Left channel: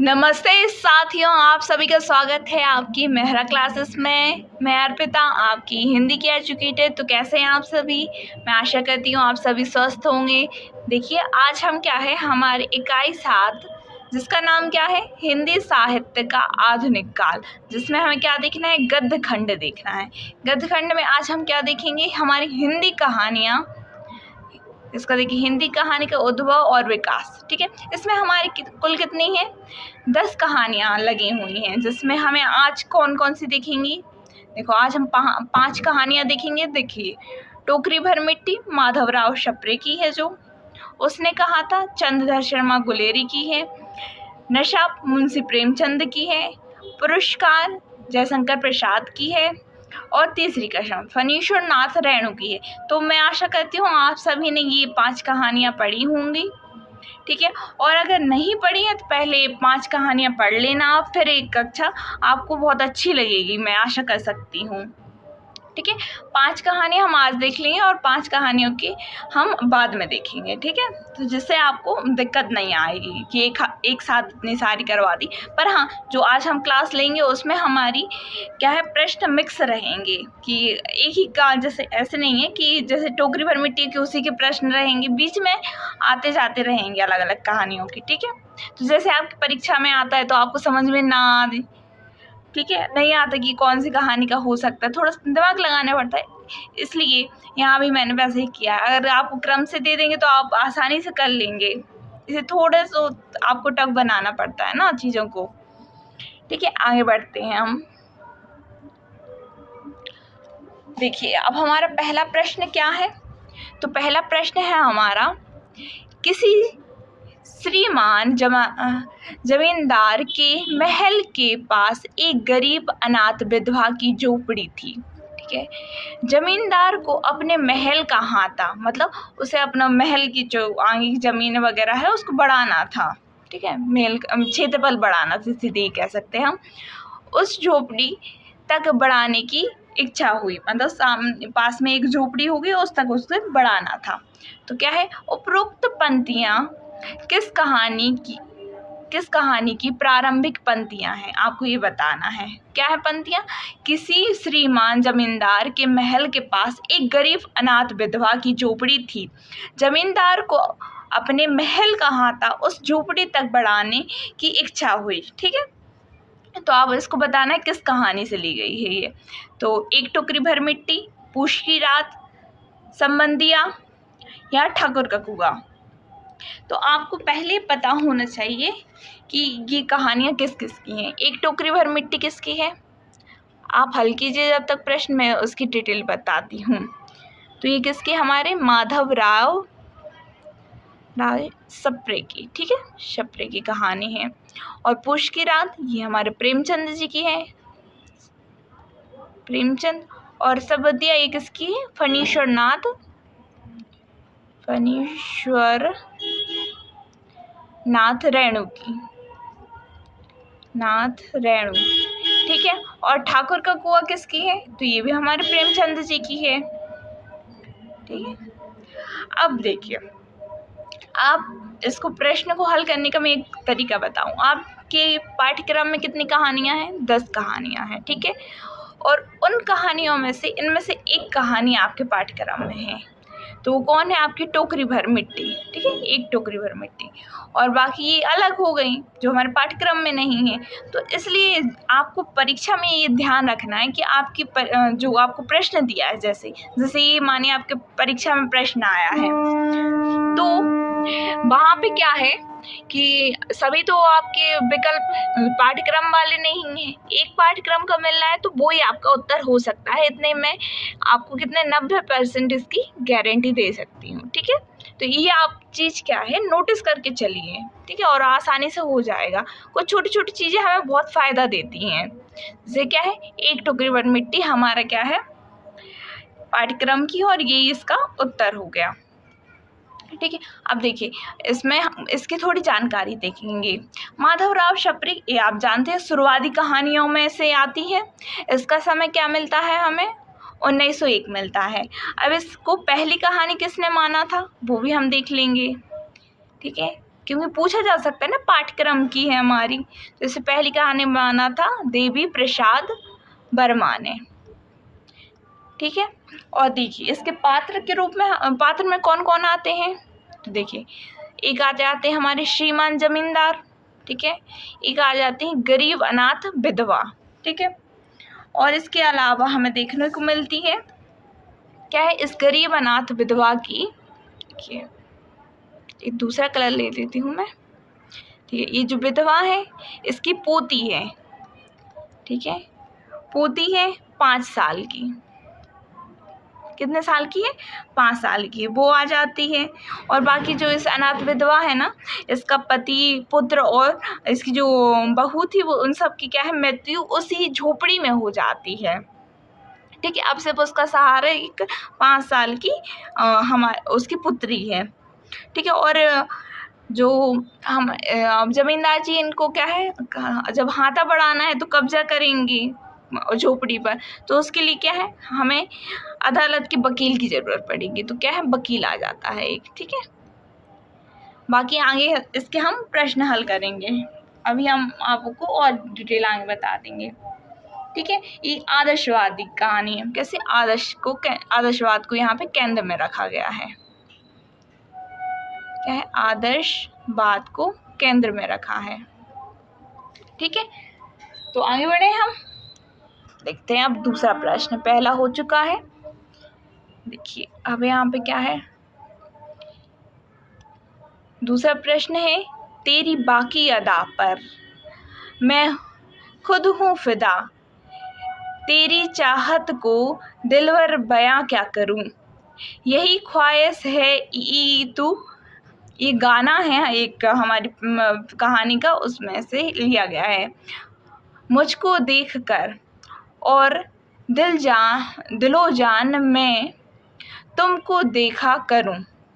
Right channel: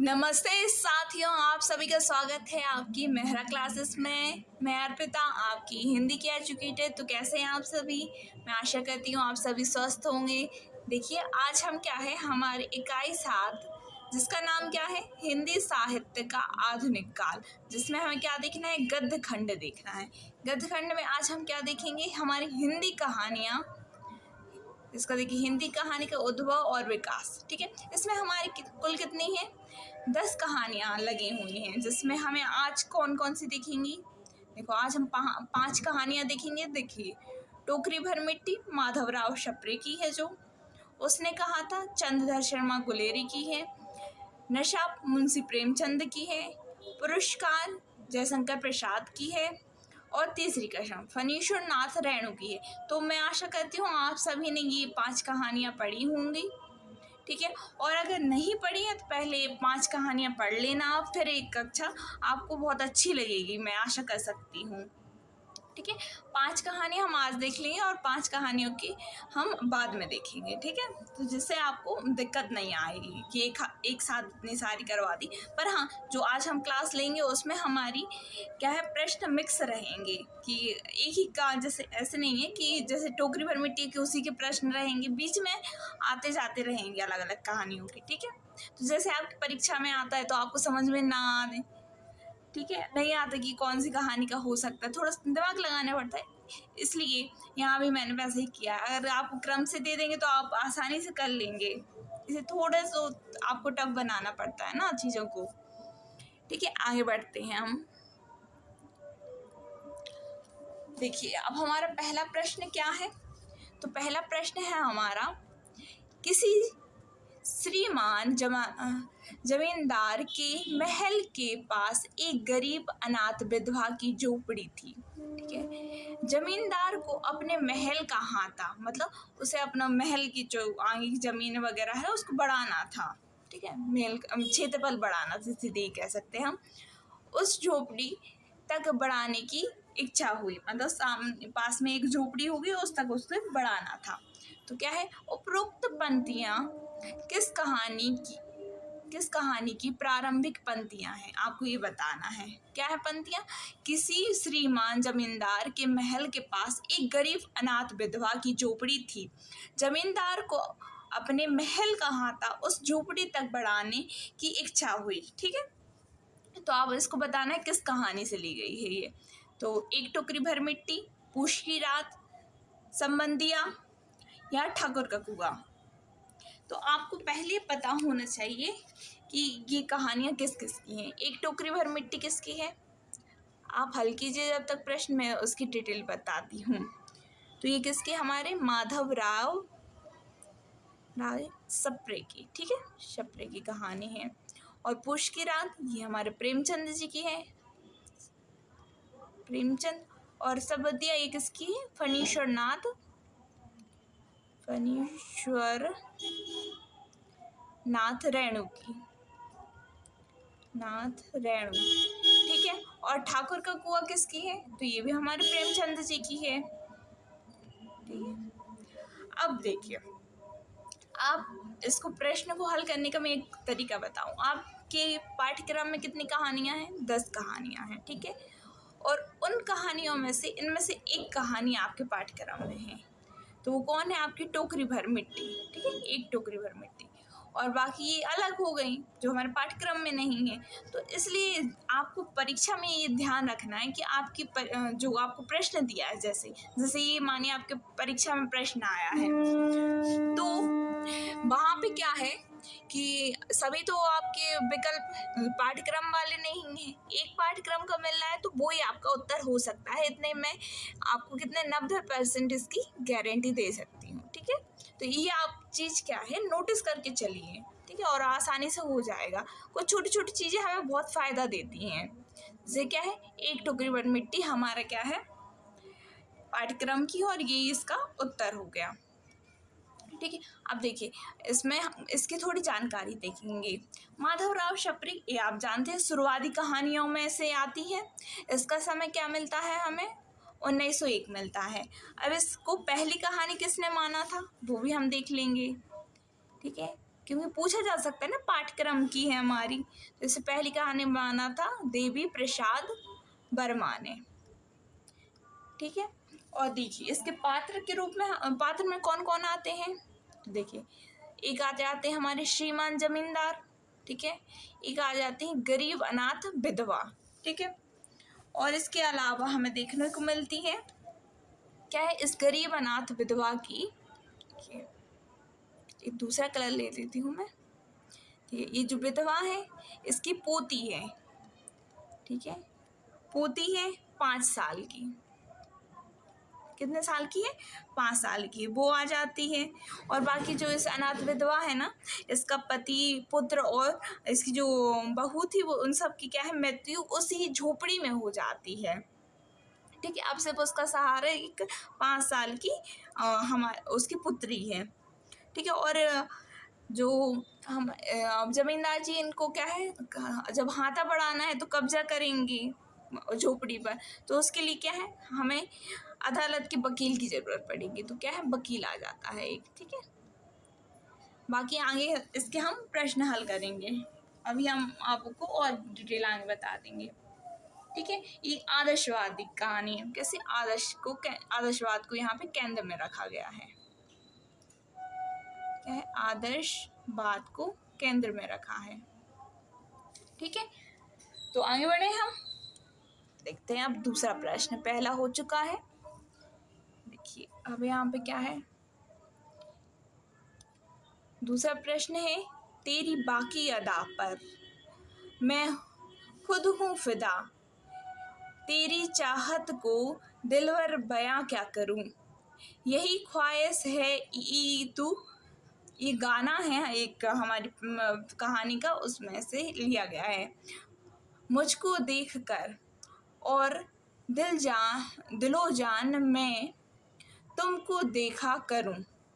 नमस्ते साथियों, आप सभी का स्वागत है आपकी मेहरा क्लासेस में। मैं अर्पिता, आपकी हिंदी की एजुकेटर। तो कैसे हैं आप सभी? मैं आशा करती हूँ आप सभी स्वस्थ होंगे। देखिए, आज हम क्या है, हमारे इकाई 7 जिसका नाम क्या है, हिंदी साहित्य का आधुनिक काल, जिसमें हमें क्या देखना है, गद्य खंड देखना है। गद्य खंड में आज हम क्या देखेंगे, हमारी हिंदी कहानियाँ। इसका देखिए, हिंदी कहानी का उद्भव और विकास। ठीक है, इसमें हमारी कुल कितनी है, 10 कहानियाँ लगी हुई हैं, जिसमें हमें आज कौन कौन सी दिखेंगी। देखो, आज हम 5 कहानियाँ देखेंगे। देखिए, टोकरी भर मिट्टी माधवराव शप्रे की है, जो उसने कहा था। चंद्रधर शर्मा गुलेरी की है। नशा मुंशी प्रेमचंद की है। पुरस्कार जयशंकर प्रसाद की है। और तीसरी कसम फणीश्वर नाथ रेणु की है। तो मैं आशा करती हूँ आप सभी ने ये 5 कहानियाँ पढ़ी होंगी। ठीक है, और अगर नहीं पढ़ी है तो पहले 5 कहानियाँ पढ़ लेना आप, फिर एक कक्षा आपको बहुत अच्छी लगेगी, मैं आशा कर सकती हूँ। ठीक है, 5 कहानियाँ हम आज देख लेंगे और 5 कहानियों की हम बाद में देखेंगे। ठीक है, तो जिससे आपको दिक्कत नहीं आएगी कि एक साथ इतनी सारी करवा दी। पर हाँ, जो आज हम क्लास लेंगे उसमें हमारी क्या है, प्रश्न मिक्स रहेंगे कि एक ही का, जैसे ऐसे नहीं है कि जैसे टोकरी भर मिट्टी के उसी के प्रश्न रहेंगे, बीच में आते जाते रहेंगे अलग अलग कहानियों की। ठीक है, तो जैसे आपकी परीक्षा में आता है तो आपको समझ में ना आए, ठीक है, नहीं आता कि कौन सी कहानी का हो सकता है, थोड़ा दिमाग लगाना पड़ता है। इसलिए यहाँ भी मैंने वैसे ही किया है। अगर आप क्रम से दे देंगे तो आप आसानी से कर लेंगे, इसे थोड़ा सा आपको टफ बनाना पड़ता है ना चीज़ों को। ठीक है, आगे बढ़ते हैं हम। देखिए, अब हमारा पहला प्रश्न क्या है, तो पहला प्रश्न है हमारा, किसी श्रीमान जमींदार के महल के पास एक गरीब अनाथ विधवा की झोपड़ी थी। ठीक है, जमींदार को अपने महल कहाँ था, मतलब उसे अपना महल की जो आगे की जमीन वगैरह है उसको बढ़ाना था। ठीक है, महल क्षेत्रफल बढ़ाना, सीधे कह सकते हैं हम। उस झोपड़ी तक बढ़ाने की इच्छा हुई, मतलब सामने पास में एक झोपड़ी होगी, उस तक उसको बढ़ाना था। तो क्या है, उपरोक्त पंक्तियाँ किस कहानी की प्रारंभिक पंक्तियां हैं, आपको ये बताना है। क्या है पंक्तियां, किसी श्रीमान जमींदार के महल के पास एक गरीब अनाथ विधवा की झोपड़ी थी। जमींदार को अपने महल कहाँ था, उस झोपड़ी तक बढ़ाने की इच्छा हुई। ठीक है, तो आप इसको बताना है किस कहानी से ली गई है ये। तो एक टोकरी भर मिट्टी, पूष की रात, संबंधिया या ठाकुर का कुआं। तो आपको पहले पता होना चाहिए कि ये कहानियाँ किस किस की हैं। एक टोकरी भर मिट्टी किसकी है, आप हल कीजिए जब तक प्रश्न, में उसकी डिटेल बताती हूँ। तो ये किसके, हमारे माधवराव शप्रे की। ठीक है, शप्रे की कहानी है। और पूष की रात ये हमारे प्रेमचंद जी की है, प्रेमचंद। और सबदिया ये किसकी है, फणीश्वर नाथ रेणु की, नाथ रेणु। ठीक है, और ठाकुर का कुआं किसकी है, तो ये भी हमारे प्रेमचंद जी की है। ठीक है, अब देखिए, आप इसको प्रश्न को हल करने का मैं एक तरीका बताऊं। आपके पाठ्यक्रम में कितनी कहानियां हैं, 10 कहानियां हैं। ठीक है, और उन कहानियों में से इनमें से एक कहानी आपके पाठ्यक्रम में है, तो वो कौन है, आपकी टोकरी भर मिट्टी। ठीक है, एक टोकरी भर मिट्टी, और बाकी ये अलग हो गई जो हमारे पाठ्यक्रम में नहीं है। तो इसलिए आपको परीक्षा में ये ध्यान रखना है कि आपकी जो आपको प्रश्न दिया है, जैसे जैसे ये मानिए आपके परीक्षा में प्रश्न आया है, तो वहाँ पे क्या है कि सभी तो आपके विकल्प पाठ्यक्रम वाले नहीं हैं, एक पाठ्यक्रम का मिल रहा है तो वो ही आपका उत्तर हो सकता है। इतने में आपको कितने 90% इसकी गारंटी दे सकती हूँ। ठीक है, तो ये आप चीज़ क्या है, नोटिस करके चलिए। ठीक है, और आसानी से हो जाएगा। कुछ छोटी छोटी चीज़ें हमें बहुत फ़ायदा देती हैं, जैसे क्या है, एक टोकरी भर मिट्टी हमारा क्या है, पाठ्यक्रम की, और ये इसका उत्तर हो गया। ठीक है, अब देखिए, इसमें हम इसकी थोड़ी जानकारी देखेंगे। माधवराव शप्रे, ये आप जानते हैं शुरुआती कहानियों में से आती है। इसका समय क्या मिलता है हमें, 1901 मिलता है। अब इसको पहली कहानी किसने माना था, वो भी हम देख लेंगे। ठीक है, क्योंकि पूछा जा सकता है ना, पाठ्यक्रम की है हमारी। तो इससे पहली कहानी बनाना था देवी प्रसाद वर्मा ने। ठीक है, और देखिए इसके पात्र के रूप में, पात्र में कौन कौन आते हैं, तो देखिए एक आ जाते हैं हमारे श्रीमान जमींदार, ठीक है, एक आ जाते हैं गरीब अनाथ विधवा, ठीक है। और इसके अलावा हमें देखने को मिलती है क्या है, इस गरीब अनाथ विधवा की, देखिए एक दूसरा कलर ले लेती हूँ मैं, ठीक है, ये जो विधवा है इसकी पोती है, ठीक है, पोती है 5 साल की। कितने साल की है, 5 साल की है, वो आ जाती है। और बाकी जो इस अनाथ विधवा है ना, इसका पति, पुत्र और इसकी जो बहू थी, वो उन सब की क्या है, मृत्यु उसी झोपड़ी में हो जाती है। ठीक है, अब सिर्फ उसका सहारा एक 5 साल की उसकी पुत्री है। ठीक है, और जो हम जमींदार जी इनको क्या है, जब हाथा बढ़ाना है तो कब्जा करेंगी झोपड़ी पर, तो उसके लिए क्या है, हमें अदालत के वकील की ज़रूरत पड़ेगी। तो क्या है, वकील आ जाता है एक। ठीक है, बाकी आगे इसके हम प्रश्न हल करेंगे, अभी हम आपको और डिटेल आगे बता देंगे। ठीक है, ये आदर्शवादी कहानी है, कैसे आदर्शवाद को यहाँ पे केंद्र में रखा गया है। क्या है, आदर्शवाद को केंद्र में रखा है। ठीक है, तो आगे बढ़े हम, देखते हैं अब दूसरा प्रश्न। पहला हो चुका है, देखिए अब यहाँ पे क्या है, दूसरा प्रश्न है, तेरी बाकी अदा पर मैं खुद हूँ फिदा, तेरी चाहत को दिलवर बयां क्या करूँ, यही ख्वाहिश है ई तू। ये गाना है एक हमारी कहानी का, उसमें से लिया गया है। मुझको देखकर और दिलो जान मैं तुमको देखा करूं।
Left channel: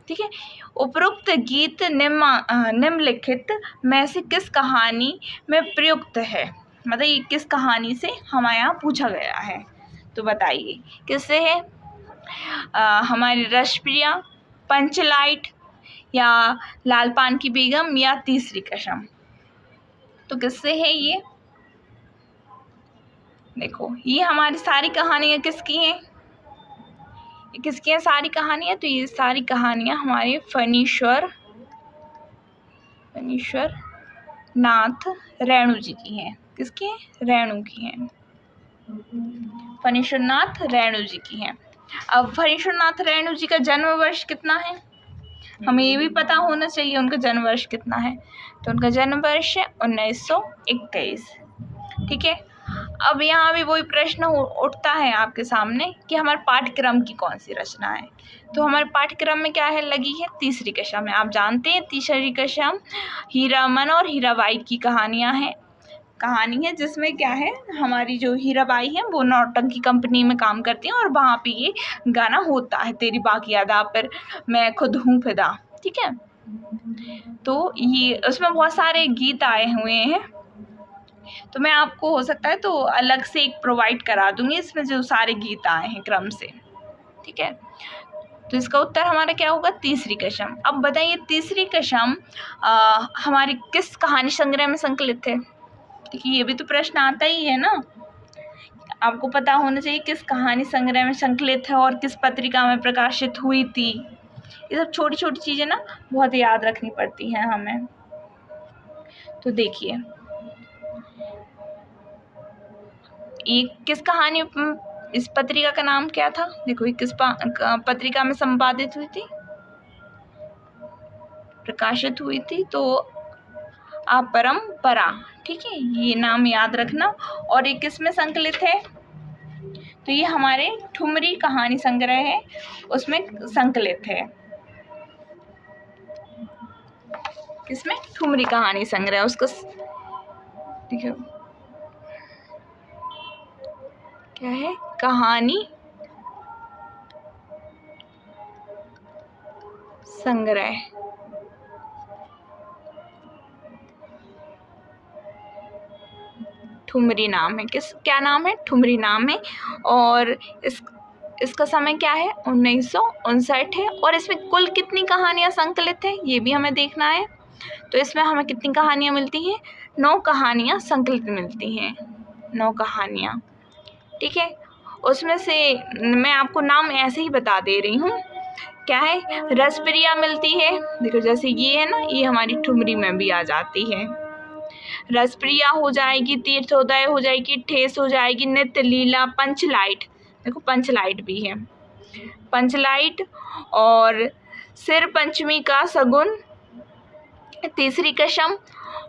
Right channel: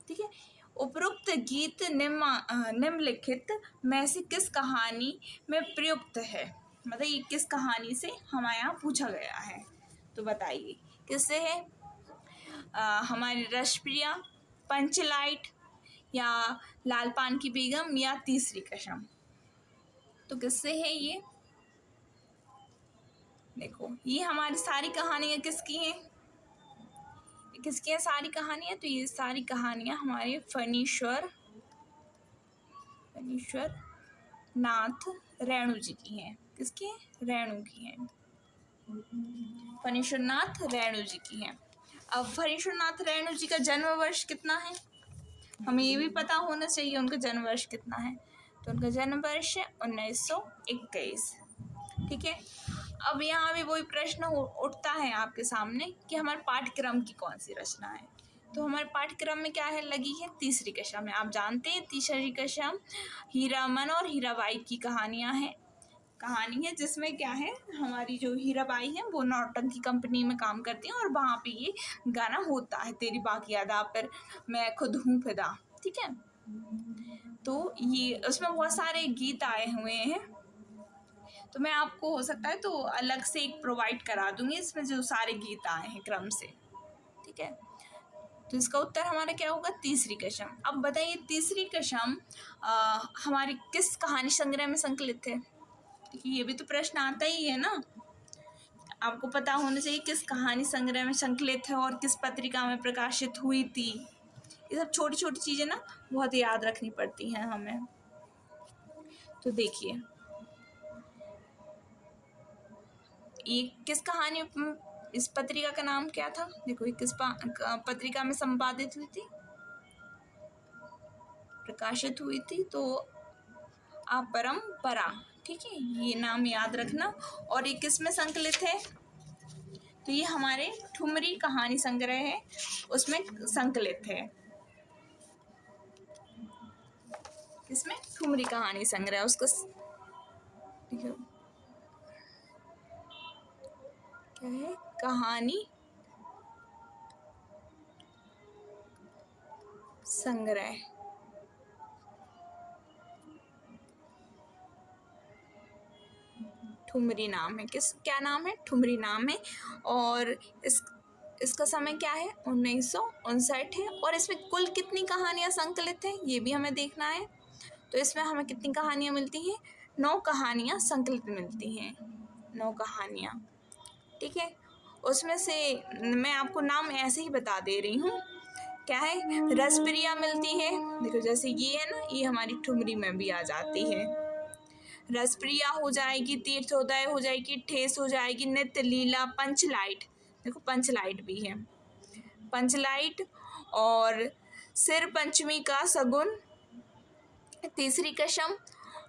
ठीक है, उपरोक्त गीत निम्नलिखित में से किस कहानी में प्रयुक्त है, मतलब ये किस कहानी से हमारे यहाँ पूछा गया है, तो बताइए किससे है। हमारी रसप्रिया, पंचलाइट, या लाल पान की बेगम, या तीसरी कसम। तो किससे है ये, देखो ये हमारी सारी कहानियाँ किसकी हैं, किसकी हैं सारी कहानियाँ, तो ये सारी कहानियाँ हमारे फणीश्वर नाथ रेणु जी की हैं। किसकी हैं, रेणु की हैं, फणीश्वर नाथ रेणु जी की हैं। अब फणीश्वर नाथ रेणु जी का जन्म वर्ष कितना है, हमें ये भी पता होना चाहिए उनका जन्म वर्ष कितना है। तो उनका जन्म वर्ष है 1921। ठीक है, अब यहाँ भी वही प्रश्न उठता है आपके सामने कि हमारे पाठ्यक्रम की कौन सी रचना है। तो हमारे पाठ्यक्रम में क्या है, लगी है तीसरी कसम है। आप जानते हैं तीसरी कसम हीरामन और हीराबाई की कहानी है, जिसमें क्या है, हमारी जो हीराबाई है वो नौटंकी कंपनी में काम करती हैं, और वहाँ पे ये गाना होता है, तेरी बाकी अदा पर मैं खुद हूँ फिदा। ठीक है, तो ये उसमें बहुत सारे गीत आए हुए हैं, तो मैं आपको हो सकता है तो अलग से एक प्रोवाइड करा दूंगी, इसमें जो सारे गीत आए हैं क्रम से। ठीक है, तो इसका उत्तर हमारा क्या होगा, तीसरी कसम। अब बताइए तीसरी कसम हमारी किस कहानी संग्रह में संकलित है। देखिए ये भी तो प्रश्न आता ही है ना, आपको पता होना चाहिए किस कहानी संग्रह में संकलित है और किस पत्रिका में प्रकाशित हुई थी। ये सब छोटी छोटी चीज़ें ना बहुत याद रखनी पड़ती हैं हमें। तो देखिए ये किस कहानी, इस पत्रिका का नाम क्या था, देखो ये किस पत्रिका में संपादित हुई थी, प्रकाशित हुई थी, तो अपरंपरा। ठीक है, ये नाम याद रखना। और ये किस में संकलित है, तो ये हमारे ठुमरी कहानी संग्रह है, उसमें संकलित है। किसमें, ठुमरी कहानी संग्रह, उसको ठीक है क्या है, कहानी संग्रह। ठुमरी नाम है, क्या नाम है, ठुमरी नाम है। और इसका समय क्या है, 1959 है। और इसमें कुल कितनी कहानियां संकलित है, ये भी हमें देखना है। तो इसमें हमें कितनी कहानियाँ मिलती हैं? 9 कहानियाँ संकलित मिलती हैं, 9 कहानियाँ, ठीक है। उसमें से मैं आपको नाम ऐसे ही बता दे रही हूँ। क्या है? रसप्रिया मिलती है, देखो जैसे ये है ना, ये हमारी ठुमरी में भी आ जाती है। रसप्रिया हो जाएगी, तीर्थोदय हो जाएगी, ठेस हो जाएगी, नित्य लीला, पंचलाइट, देखो पंचलाइट भी है, पंचलाइट, और सिर पंचमी का सगुन, तीसरी कसम,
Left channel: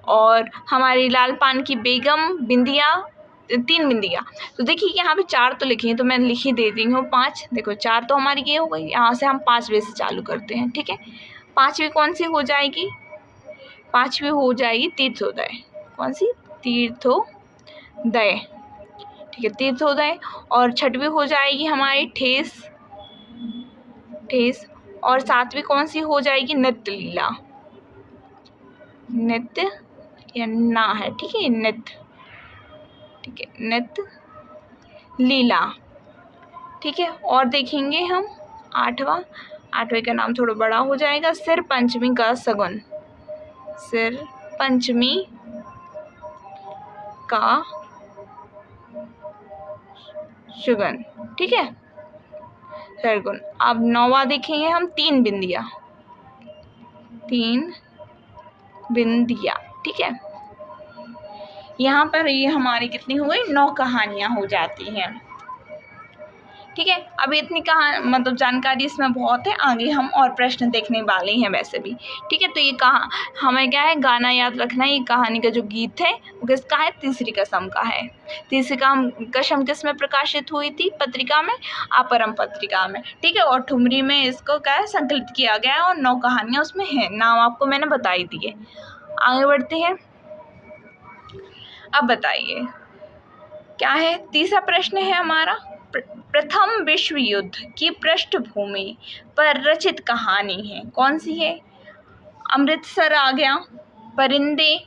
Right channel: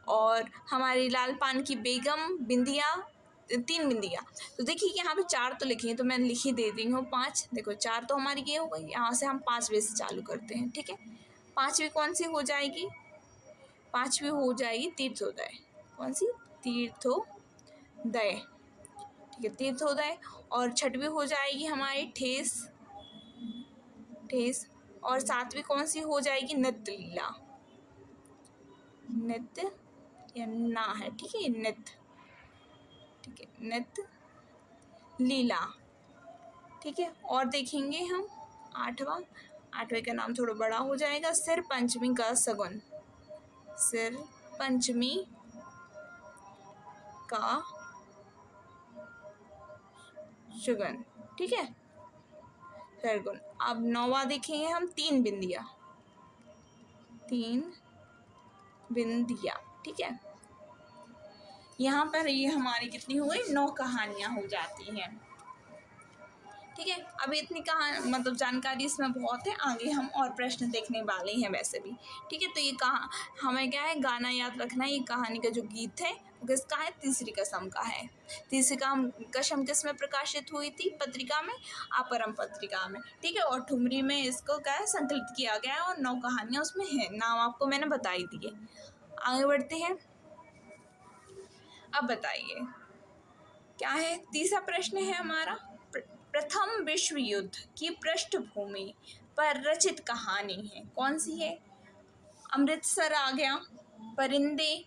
और हमारी लाल पान की बेगम, बिंदिया, 3 बिंदिया। तो देखिए यहाँ पे 4 तो लिखी हैं, तो मैं लिख ही दे रही हूँ 5। देखो 4 तो हमारी ये हो गई, यहाँ से हम 5वें से चालू करते हैं, ठीक है। 5वीं कौन सी हो जाएगी? 5वीं हो जाएगी तीर्थोदय। कौन सी? तीर्थोदय, ठीक है, तीर्थोदय। और 6वीं हो जाएगी हमारी ठेस, ठेस। और 7वीं कौन सी हो जाएगी? नित्य लीला, नित्य या ना है, ठीक है, नित्य, ठीक है, नित्य लीला, ठीक है। और देखेंगे हम 8वां का नाम थोड़ा बड़ा हो जाएगा, सिर पंचमी का सगुन, सिर पंचमी का सुगन, ठीक है, सरगुन। अब 9वां देखेंगे हम, 3 बिंदिया, 3 बिंदिया, ठीक है। यहाँ पर ये हमारी कितनी हो गई? 9 कहानियाँ हो जाती हैं, ठीक है। अभी इतनी मतलब जानकारी इसमें बहुत है, आगे हम और प्रश्न देखने वाले हैं वैसे भी, ठीक है। तो ये हमें क्या है, गाना याद रखना है। ये कहानी का जो गीत है वो किसका है? तीसरी कसम का है। तीसरी कसम किस में प्रकाशित हुई थी? पत्रिका में, अपरम पत्रिका में, ठीक है। और ठुमरी में इसको क्या है, संकलित किया गया है, और 9 कहानियाँ उसमें हैं, नाम आपको मैंने बता ही दिए। आगे बढ़ते हैं। अब बताइए क्या है? तीसरा प्रश्न है हमारा, प्रथम विश्व युद्ध की पृष्ठभूमि पर रचित कहानी है, कौन सी है? अमृतसर आ गया, परिंदे,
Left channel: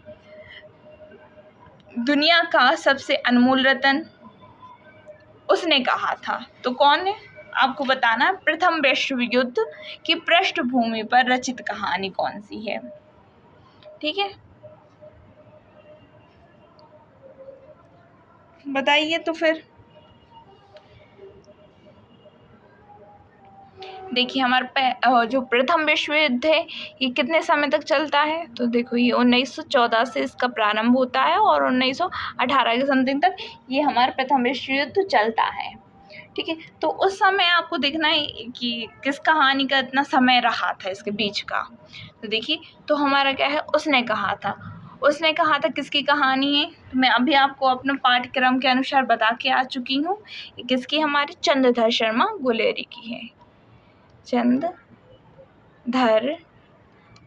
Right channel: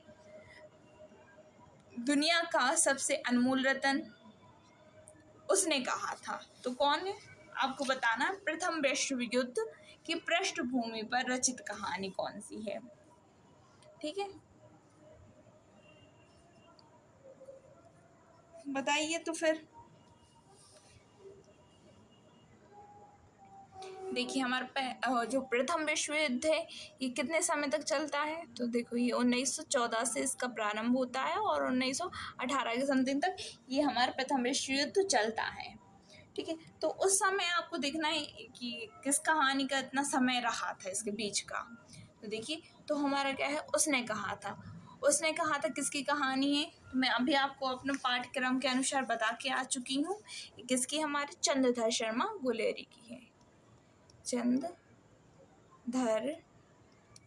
दुनिया का सबसे अनमोल रतन, उसने कहा था। तो कौन है आपको बताना है। प्रथम विश्व युद्ध की पृष्ठभूमि पर रचित कहानी कौन सी है, ठीक है, बताइए। तो फिर देखिए हमारा जो प्रथम विश्व युद्ध है ये कितने समय तक चलता है? तो देखो ये 1914 से इसका प्रारंभ होता है, और 1918 के समथिंग तक ये हमारा प्रथम विश्व युद्ध चलता है, ठीक है। तो उस समय आपको देखना है कि किस कहानी का इतना समय रहा था इसके बीच का। तो देखिए, तो हमारा क्या है, उसने कहा था। उसने कहा था किसकी कहानी है? तो मैं अभी आपको अपने पाठ्यक्रम के अनुसार बता के आ चुकी हूँ। किसकी? हमारे चंद्रधर शर्मा गुलेरी की है, चंद्रधर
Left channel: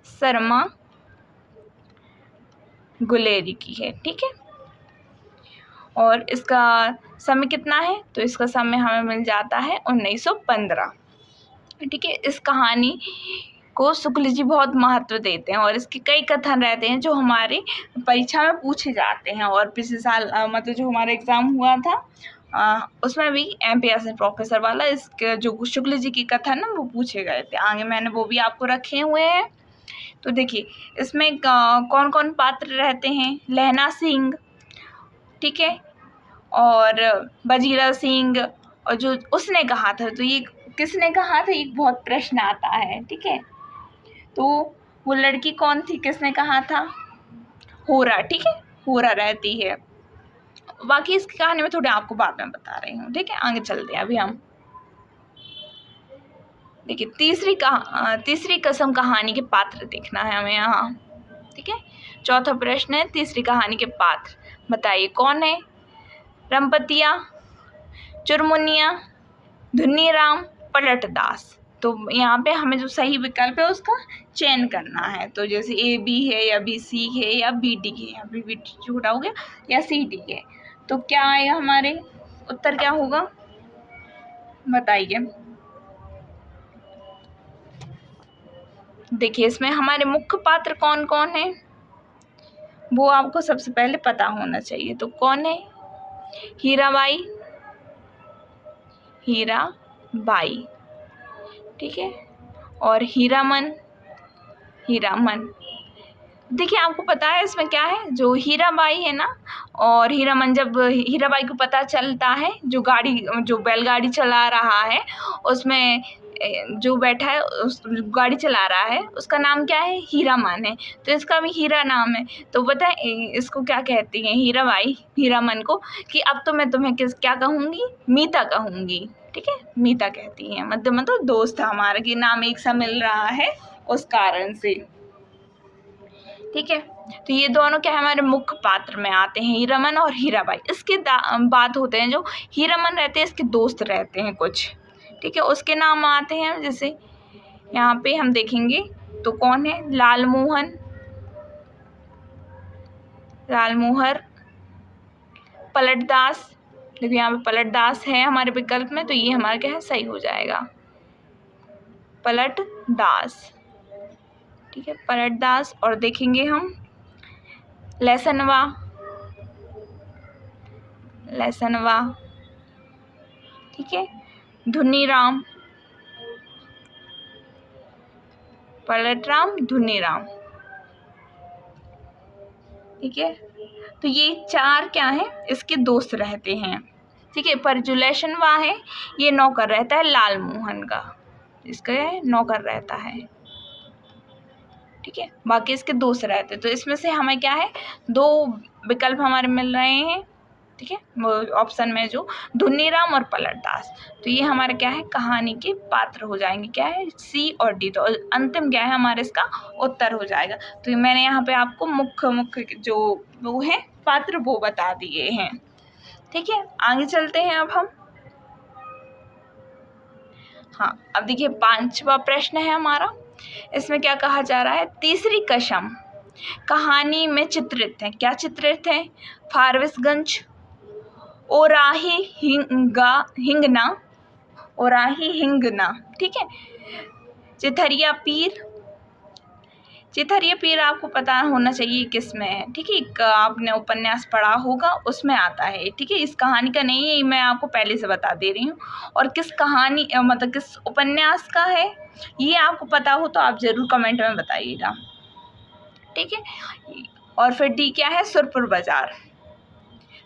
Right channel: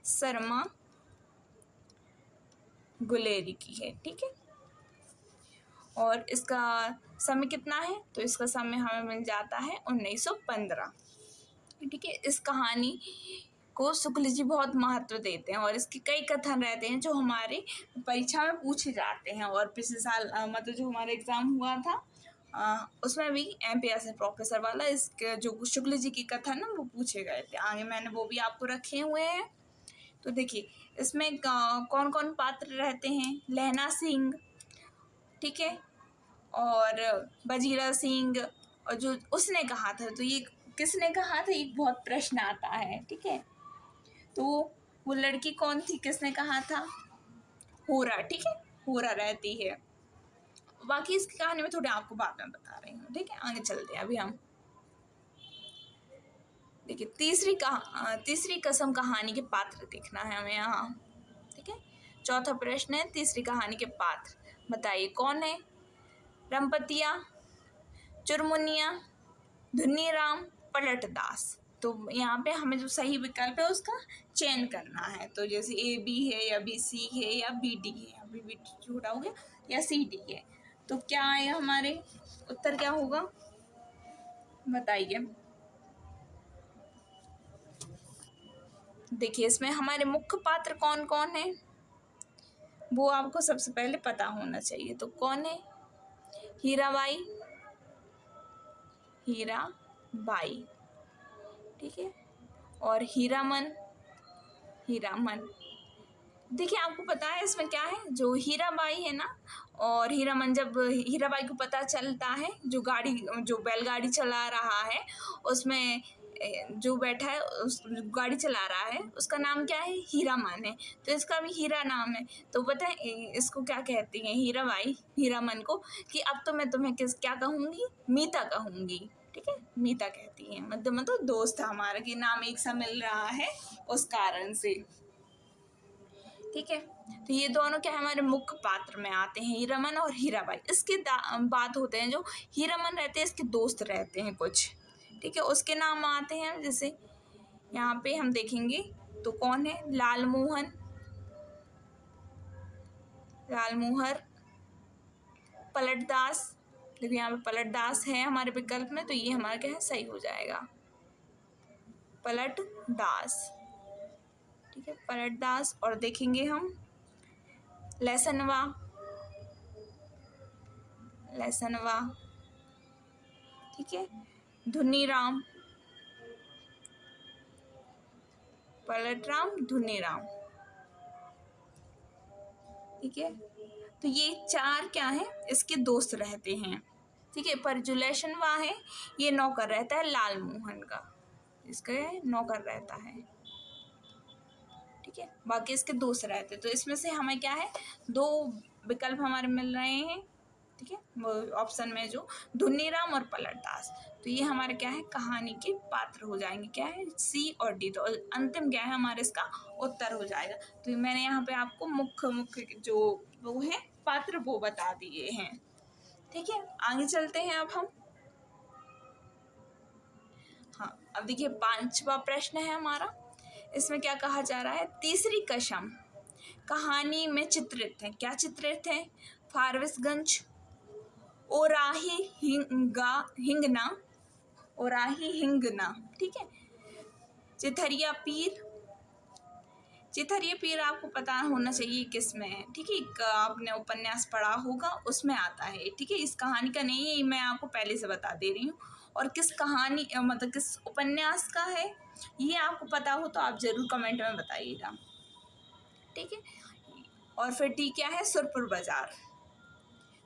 शर्मा गुलेरी की है, ठीक है। और इसका समय कितना है? तो इसका समय हमें मिल जाता है 1915, ठीक है। इस कहानी को शुक्ल जी बहुत महत्व देते हैं, और इसके कई कथन रहते हैं जो हमारे परीक्षा में पूछे जाते हैं। और पिछले साल मतलब जो हमारा एग्ज़ाम हुआ था उसमें भी MPSC प्रोफेसर वाला इसके जो शुक्ल जी की कथन ना वो पूछे गए थे। आगे मैंने वो भी आपको रखे हुए हैं। तो देखिए इसमें कौन कौन पात्र रहते हैं? लहना सिंह, ठीक है, और बजीरा सिंह, और जो उसने कहा था, तो ये किसने कहा था? एक बहुत प्रश्न आता है, ठीक है। तो वो लड़की कौन थी? किसने कहा था? होरा, ठीक है, होरा रहती है। बाकी इसकी कहानी में थोड़ी आपको बाद में बता रही हूँ, ठीक है। आगे चलते हैं अभी हम। देखिए तीसरी कसम कहानी के पात्र देखना है हमें यहाँ, ठीक है। चौथा प्रश्न है तीसरी कहानी के पात्र, बताइए कौन है? रमपतिया, चुरमुनिया, धुन्नीराम, पलटदास। तो यहाँ पे हमें जो सही विकल्प है उसका चयन करना है। तो जैसे AB है, या BC है, या BD है, या BD छोटा हो गया, या CD है। तो क्या आएगा हमारे उत्तर, क्या होगा बताइए। देखिए इसमें हमारे मुख्य पात्र कौन कौन है वो आपको सबसे पहले पता होना चाहिए। तो कौन है? हीराबाई, हीराबाई, ठीक है, और हीरामन, हीरामन, देखिए आपको पता है इसमें क्या है, जो हीराबाई है ना और हीरामन, जब हीराबाई को पता चलता है जो बैलगाड़ी चला रहा है उसमें जो बैठा है उस गाड़ी चला रहा है उसका नाम क्या है, हीरामन है, तो इसका भी हीरा नाम है। तो पता है इसको क्या कहती हैं हीराबाई हीरामन को, कि अब तो मैं तुम्हें क्या कहूँगी, मीता कहूँगी। ठीक है, मीता कहती हैं, मतलब दोस्त हमारा कि नाम एक सा मिल रहा है उस कारण से। ठीक है, तो ये दोनों क्या है, हमारे मुख्य पात्र में आते हैं, हीरामन और हीराबाई। इसके बाद होते हैं जो हीरामन रहते हैं, इसके दोस्त रहते हैं कुछ। ठीक है, उसके नाम आते हैं, जैसे यहाँ पे हम देखेंगे तो कौन है, लालमोहन, लालमोहर, पलटदास। देखो यहाँ पे पलटदास है हमारे विकल्प में, तो ये हमारा क्या है, सही हो जाएगा, पलटदास। ठीक है, पलटदास। और देखेंगे हम लहसनवा, लहसनवा। ठीक है, धुनीराम, पलटराम, धुनीराम। ठीक है, तो ये चार क्या है, इसके दोस्त रहते हैं। ठीक है, पर जो लहसनवा है ये नौकर रहता है लालमोहन का, इसका है नौकर रहता है। ठीक है, बाकी इसके दोस्त रहते हैं। तो इसमें से हमें क्या है, दो विकल्प हमारे मिल रहे हैं। ठीक है, वो ऑप्शन में जो धुनीराम और पलटदास, तो ये हमारे क्या है, कहानी के पात्र हो जाएंगे, क्या है, सी और डी। तो अंतिम क्या है हमारे इसका उत्तर हो जाएगा। तो मैंने यहाँ पे आपको मुख्य जो वो है पात्र वो बता दिए हैं। ठीक है, आगे चलते हैं अब हम। हाँ, अब देखिए 5वां प्रश्न है हमारा। इसमें क्या कहा जा रहा है, तीसरी कसम कहानी में चित्रित है, क्या चित्रित है, फारबिसगंज, ओराही हिंगना, ओराही हिंगना। ठीक है, चिथरिया पीर, चिथरिया पीर आपको पता होना चाहिए किस में है। ठीक है, एक आपने उपन्यास पढ़ा होगा उसमें आता है। ठीक है, इस कहानी का नहीं है, मैं आपको पहले से बता दे रही हूँ। और किस कहानी मतलब किस उपन्यास का है ये आपको पता हो तो आप ज़रूर कमेंट में बताइएगा। ठीक है, और फिर डी क्या है, सुरपुर बाजार।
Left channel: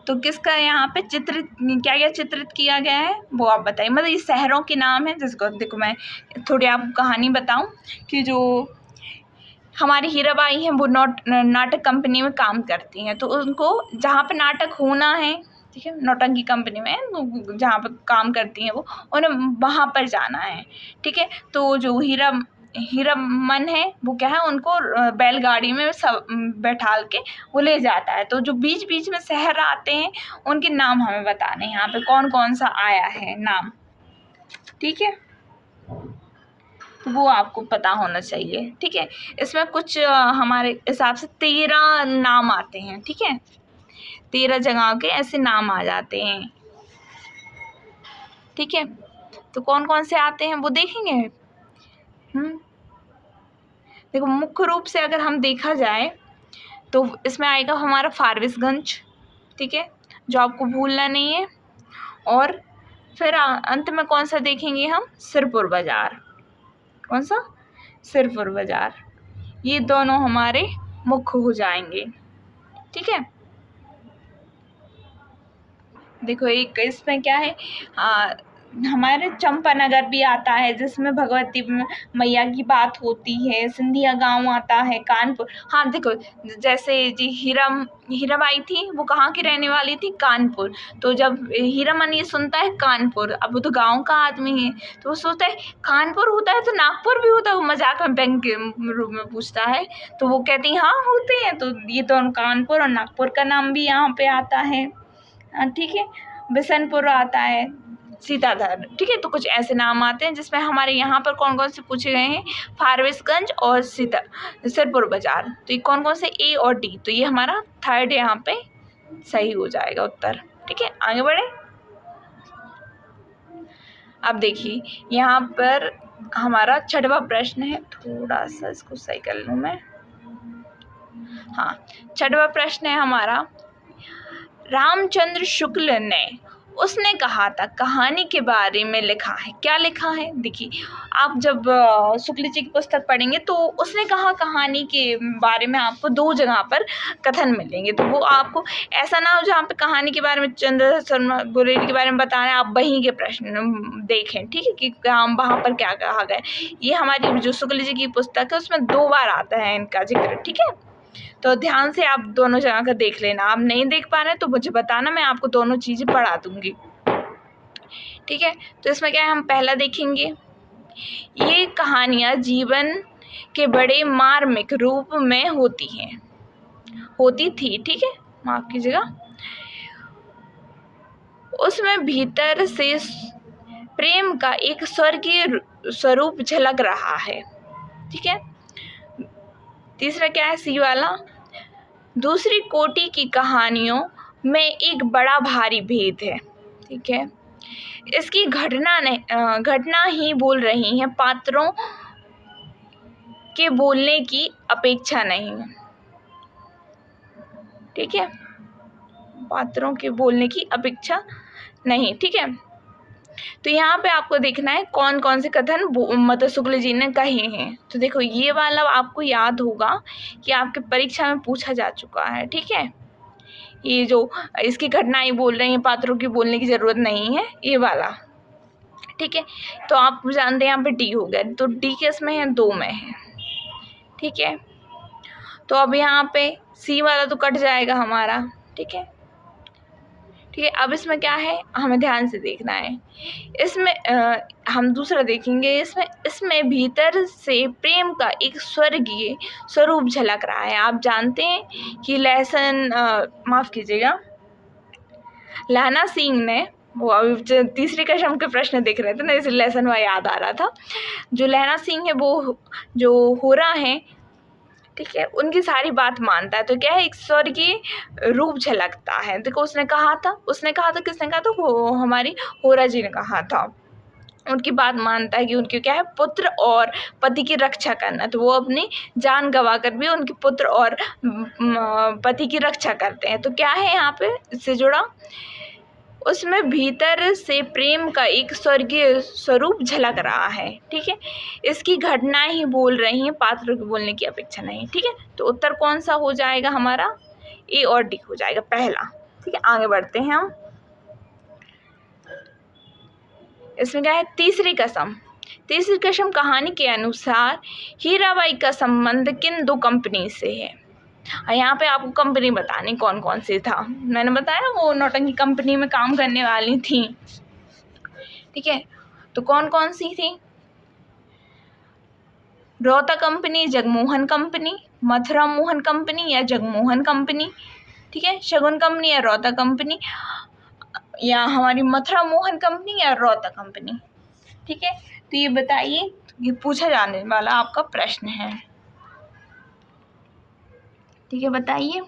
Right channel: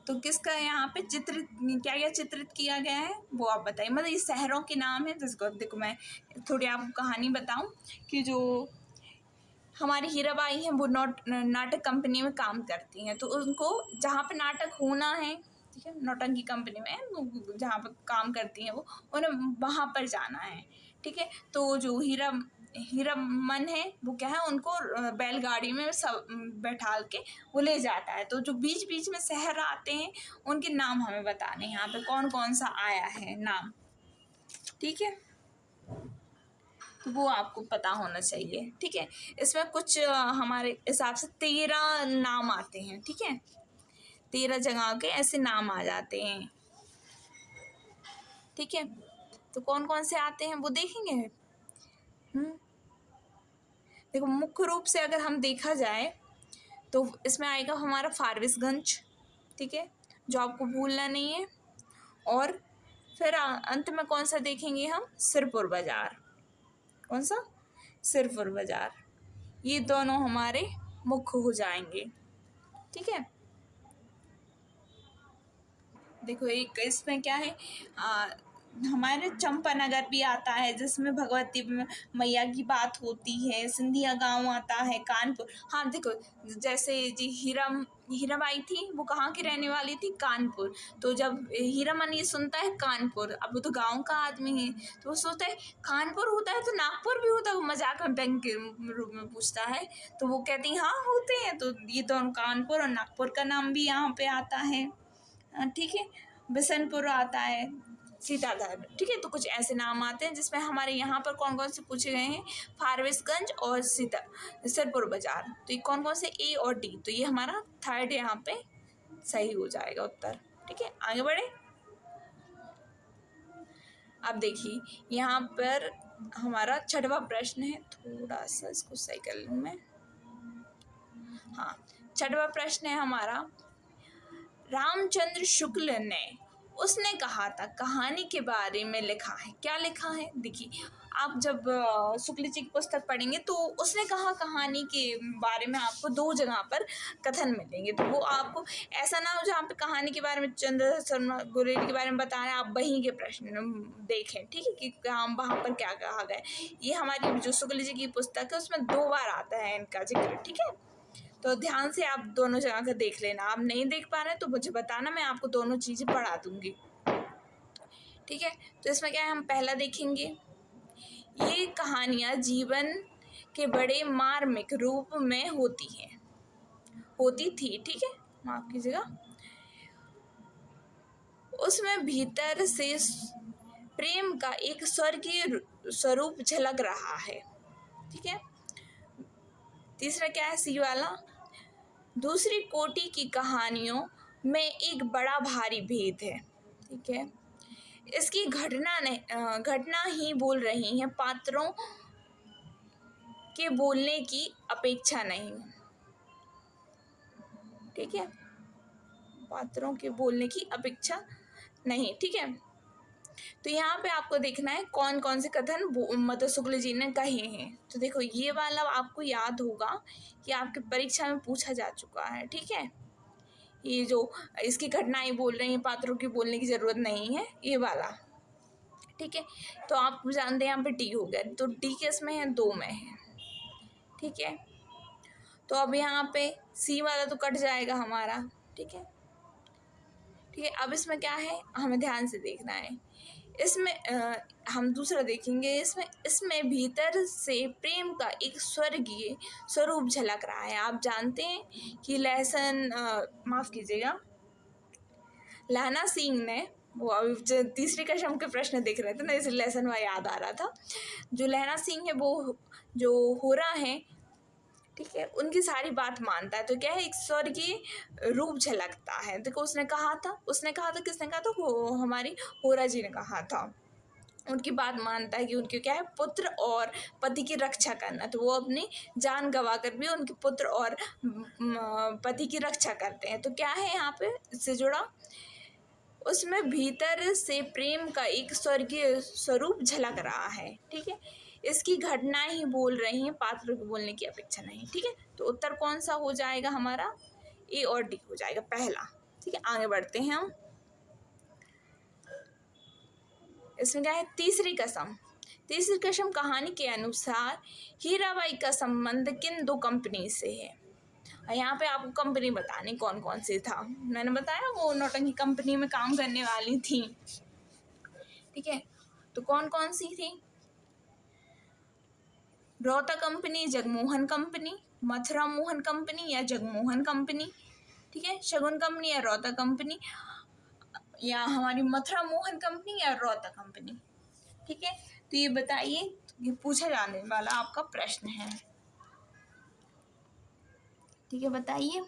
तो किसका यहाँ पे चित्रित, क्या क्या चित्रित किया गया है वो आप बताइए। मतलब ये शहरों के नाम है, जिसको देखो मैं थोड़ी आपको कहानी बताऊं कि जो हमारी हीराबाई हैं वो नाटक कंपनी में काम करती हैं, तो उनको जहाँ पे नाटक होना है, ठीक है, नौटंकी कंपनी में जहाँ पर काम करती हैं वो, उन्हें वहाँ पर जाना है। ठीक है, तो जो हीरामन है वो क्या है, उनको बैलगाड़ी में सब बैठाल के वो ले जाता है। तो जो बीच बीच में शहर आते हैं उनके नाम हमें बताने हैं, यहाँ पे कौन कौन सा आया है नाम। ठीक है, तो वो आपको पता होना चाहिए। ठीक है, इसमें कुछ हमारे हिसाब से 13 नाम आते हैं। ठीक है, 13 जगह के ऐसे नाम आ जाते हैं। ठीक है, तो कौन कौन से आते हैं वो देखेंगे। देखो मुख्य रूप से अगर हम देखा जाए तो इसमें आएगा हमारा फारबिसगंज। ठीक है, जो आपको भूलना नहीं है। और फिर अंत में कौन सा देखेंगे हम, सिरपुर बाजार। कौन सा, सिरपुर बाजार। ये दोनों हमारे मुख्य हो जाएंगे। ठीक है, देखो एक इसमें क्या है, हमारे चंपानगर भी आता है जिसमें भगवती मैया की बात होती है, सिंधिया गांव आता है, कानपुर। हाँ देखो, जैसे जी हीराबाई थी वो कहाँ की रहने वाली थी, कानपुर। तो जब हीरामन ये सुनता है कानपुर, अब वो तो गांव का आदमी है तो वो सोचता है कानपुर होता है तो नागपुर भी होता है, वो मजाक में बैंक के रूप में पूछता है। तो वो कहती है हाँ होते हैं, तो ये तो कानपुर और नागपुर का नाम भी यहाँ पे आता है। ठीक है, बिशनपुर आता है, सीताधर। ठीक है, तो कुछ ऐसे नाम आते हैं जिसमें हमारे यहाँ पर कौन कौन से पूछे गए हैं, फारबिसगंज और सिरपुर बाजार। तो ये कौन कौन से, ए और डी, तो ये हमारा थर्ड यहाँ पे सही हो जाएगा उत्तर। ठीक है, आगे बढ़े। अब देखिए यहाँ पर हमारा 6वां प्रश्न है, थोड़ा सा इसको सही कर लूँ मैं। हाँ, 6वां प्रश्न है हमारा, रामचंद्र शुक्ल ने उसने कहा था कहानी के बारे में लिखा है। क्या लिखा है? देखिए, आप जब शुक्ल जी की पुस्तक पढ़ेंगे तो उसने कहा कहानी के बारे में आपको 2 जगह पर कथन मिलेंगे। तो वो आपको ऐसा ना हो जहाँ पे कहानी के बारे में चंद्र शर्मा गुरेरी के बारे में बता रहे हैं, आप वहीं के प्रश्न देखें, ठीक है, कि हम वहाँ पर क्या कहा गया। ये हमारी जो शुक्ल जी की पुस्तक है उसमें 2 बार आता है इनका जिक्र, ठीक है। तो ध्यान से आप दोनों जगह का देख लेना। आप नहीं देख पा रहे हैं तो मुझे बताना, मैं आपको दोनों चीज़ें पढ़ा दूंगी, ठीक है। तो इसमें क्या है, हम पहला देखेंगे, ये कहानियाँ जीवन के बड़े मार्मिक रूप में होती थी, ठीक है, माफ कीजिएगा। उसमें भीतर से प्रेम का एक स्वर्गीय स्वरूप झलक रहा है, ठीक है। तीसरा क्या है, सी वाला, दूसरी कोटि की कहानियों में एक बड़ा भारी भेद है, ठीक है। इसकी घटना ही बोल रही है, पात्रों के बोलने की अपेक्षा नहीं, ठीक है, पात्रों के बोलने की अपेक्षा नहीं, ठीक है। तो यहाँ पे आपको देखना है कौन कौन से कथन मतलब शुक्ल जी ने कहे हैं। तो देखो, ये वाला आपको याद होगा कि आपके परीक्षा में पूछा जा चुका है, ठीक है। ये जो इसकी घटनाएं बोल रही हैं, पात्रों की बोलने की जरूरत नहीं है, ये वाला, ठीक है। तो आप जानते हैं यहाँ पे डी हो गया, तो डी किस में है, 2 में है, ठीक है। तो अब यहाँ पे सी वाला तो कट जाएगा हमारा, ठीक है, ठीक है। अब इसमें क्या है, हमें ध्यान से देखना है। इसमें हम दूसरा देखेंगे, इसमें भीतर से प्रेम का एक स्वर्गीय स्वरूप झलक रहा है। आप जानते हैं कि माफ कीजिएगा, लहना सिंह ने, वो अभी तीसरी कक्षम के प्रश्न देख रहे थे ना, इसलिए लेसन वह याद आ रहा था। जो लहना सिंह है वो जो हो रहा है, ठीक है, उनकी सारी बात मानता है। तो क्या है, एक स्वर्गीय रूप झलकता है। देखो, उसने कहा था, किसने कहा था, वो हमारी होरा जी ने कहा था। उनकी बात मानता है कि उनकी क्या है, पुत्र और पति की रक्षा करना। तो वो अपनी जान गंवा कर भी उनके पुत्र और पति की रक्षा करते हैं। तो क्या है यहाँ पे इससे जुड़ा, उसमें भीतर से प्रेम का एक स्वर्गीय स्वरूप झलक रहा है, ठीक है। इसकी घटना ही बोल रही है, पात्रों के बोलने की अपेक्षा नहीं, ठीक है। तो उत्तर कौन सा हो जाएगा हमारा, ए और डी हो जाएगा पहला, ठीक है। आगे बढ़ते हैं हम। इसमें क्या है, तीसरी कसम कहानी के अनुसार हीराबाई का संबंध किन 2 कंपनी से है। यहाँ पे आपको कंपनी बतानी कौन कौन सी था। मैंने बताया वो नौटंकी कंपनी में काम करने वाली थी, ठीक है। तो कौन कौन सी थी, Rohta company, Jagmohan company, Mathura Mohan company या जगमोहन कंपनी, ठीक है। शगुन कंपनी या रोहता कंपनी, या हमारी मथुरा मोहन कंपनी या रोहता कंपनी, ठीक है। तो ये बताइए, ये पूछा जाने वाला आपका प्रश्न है, ठीक है, बताइए।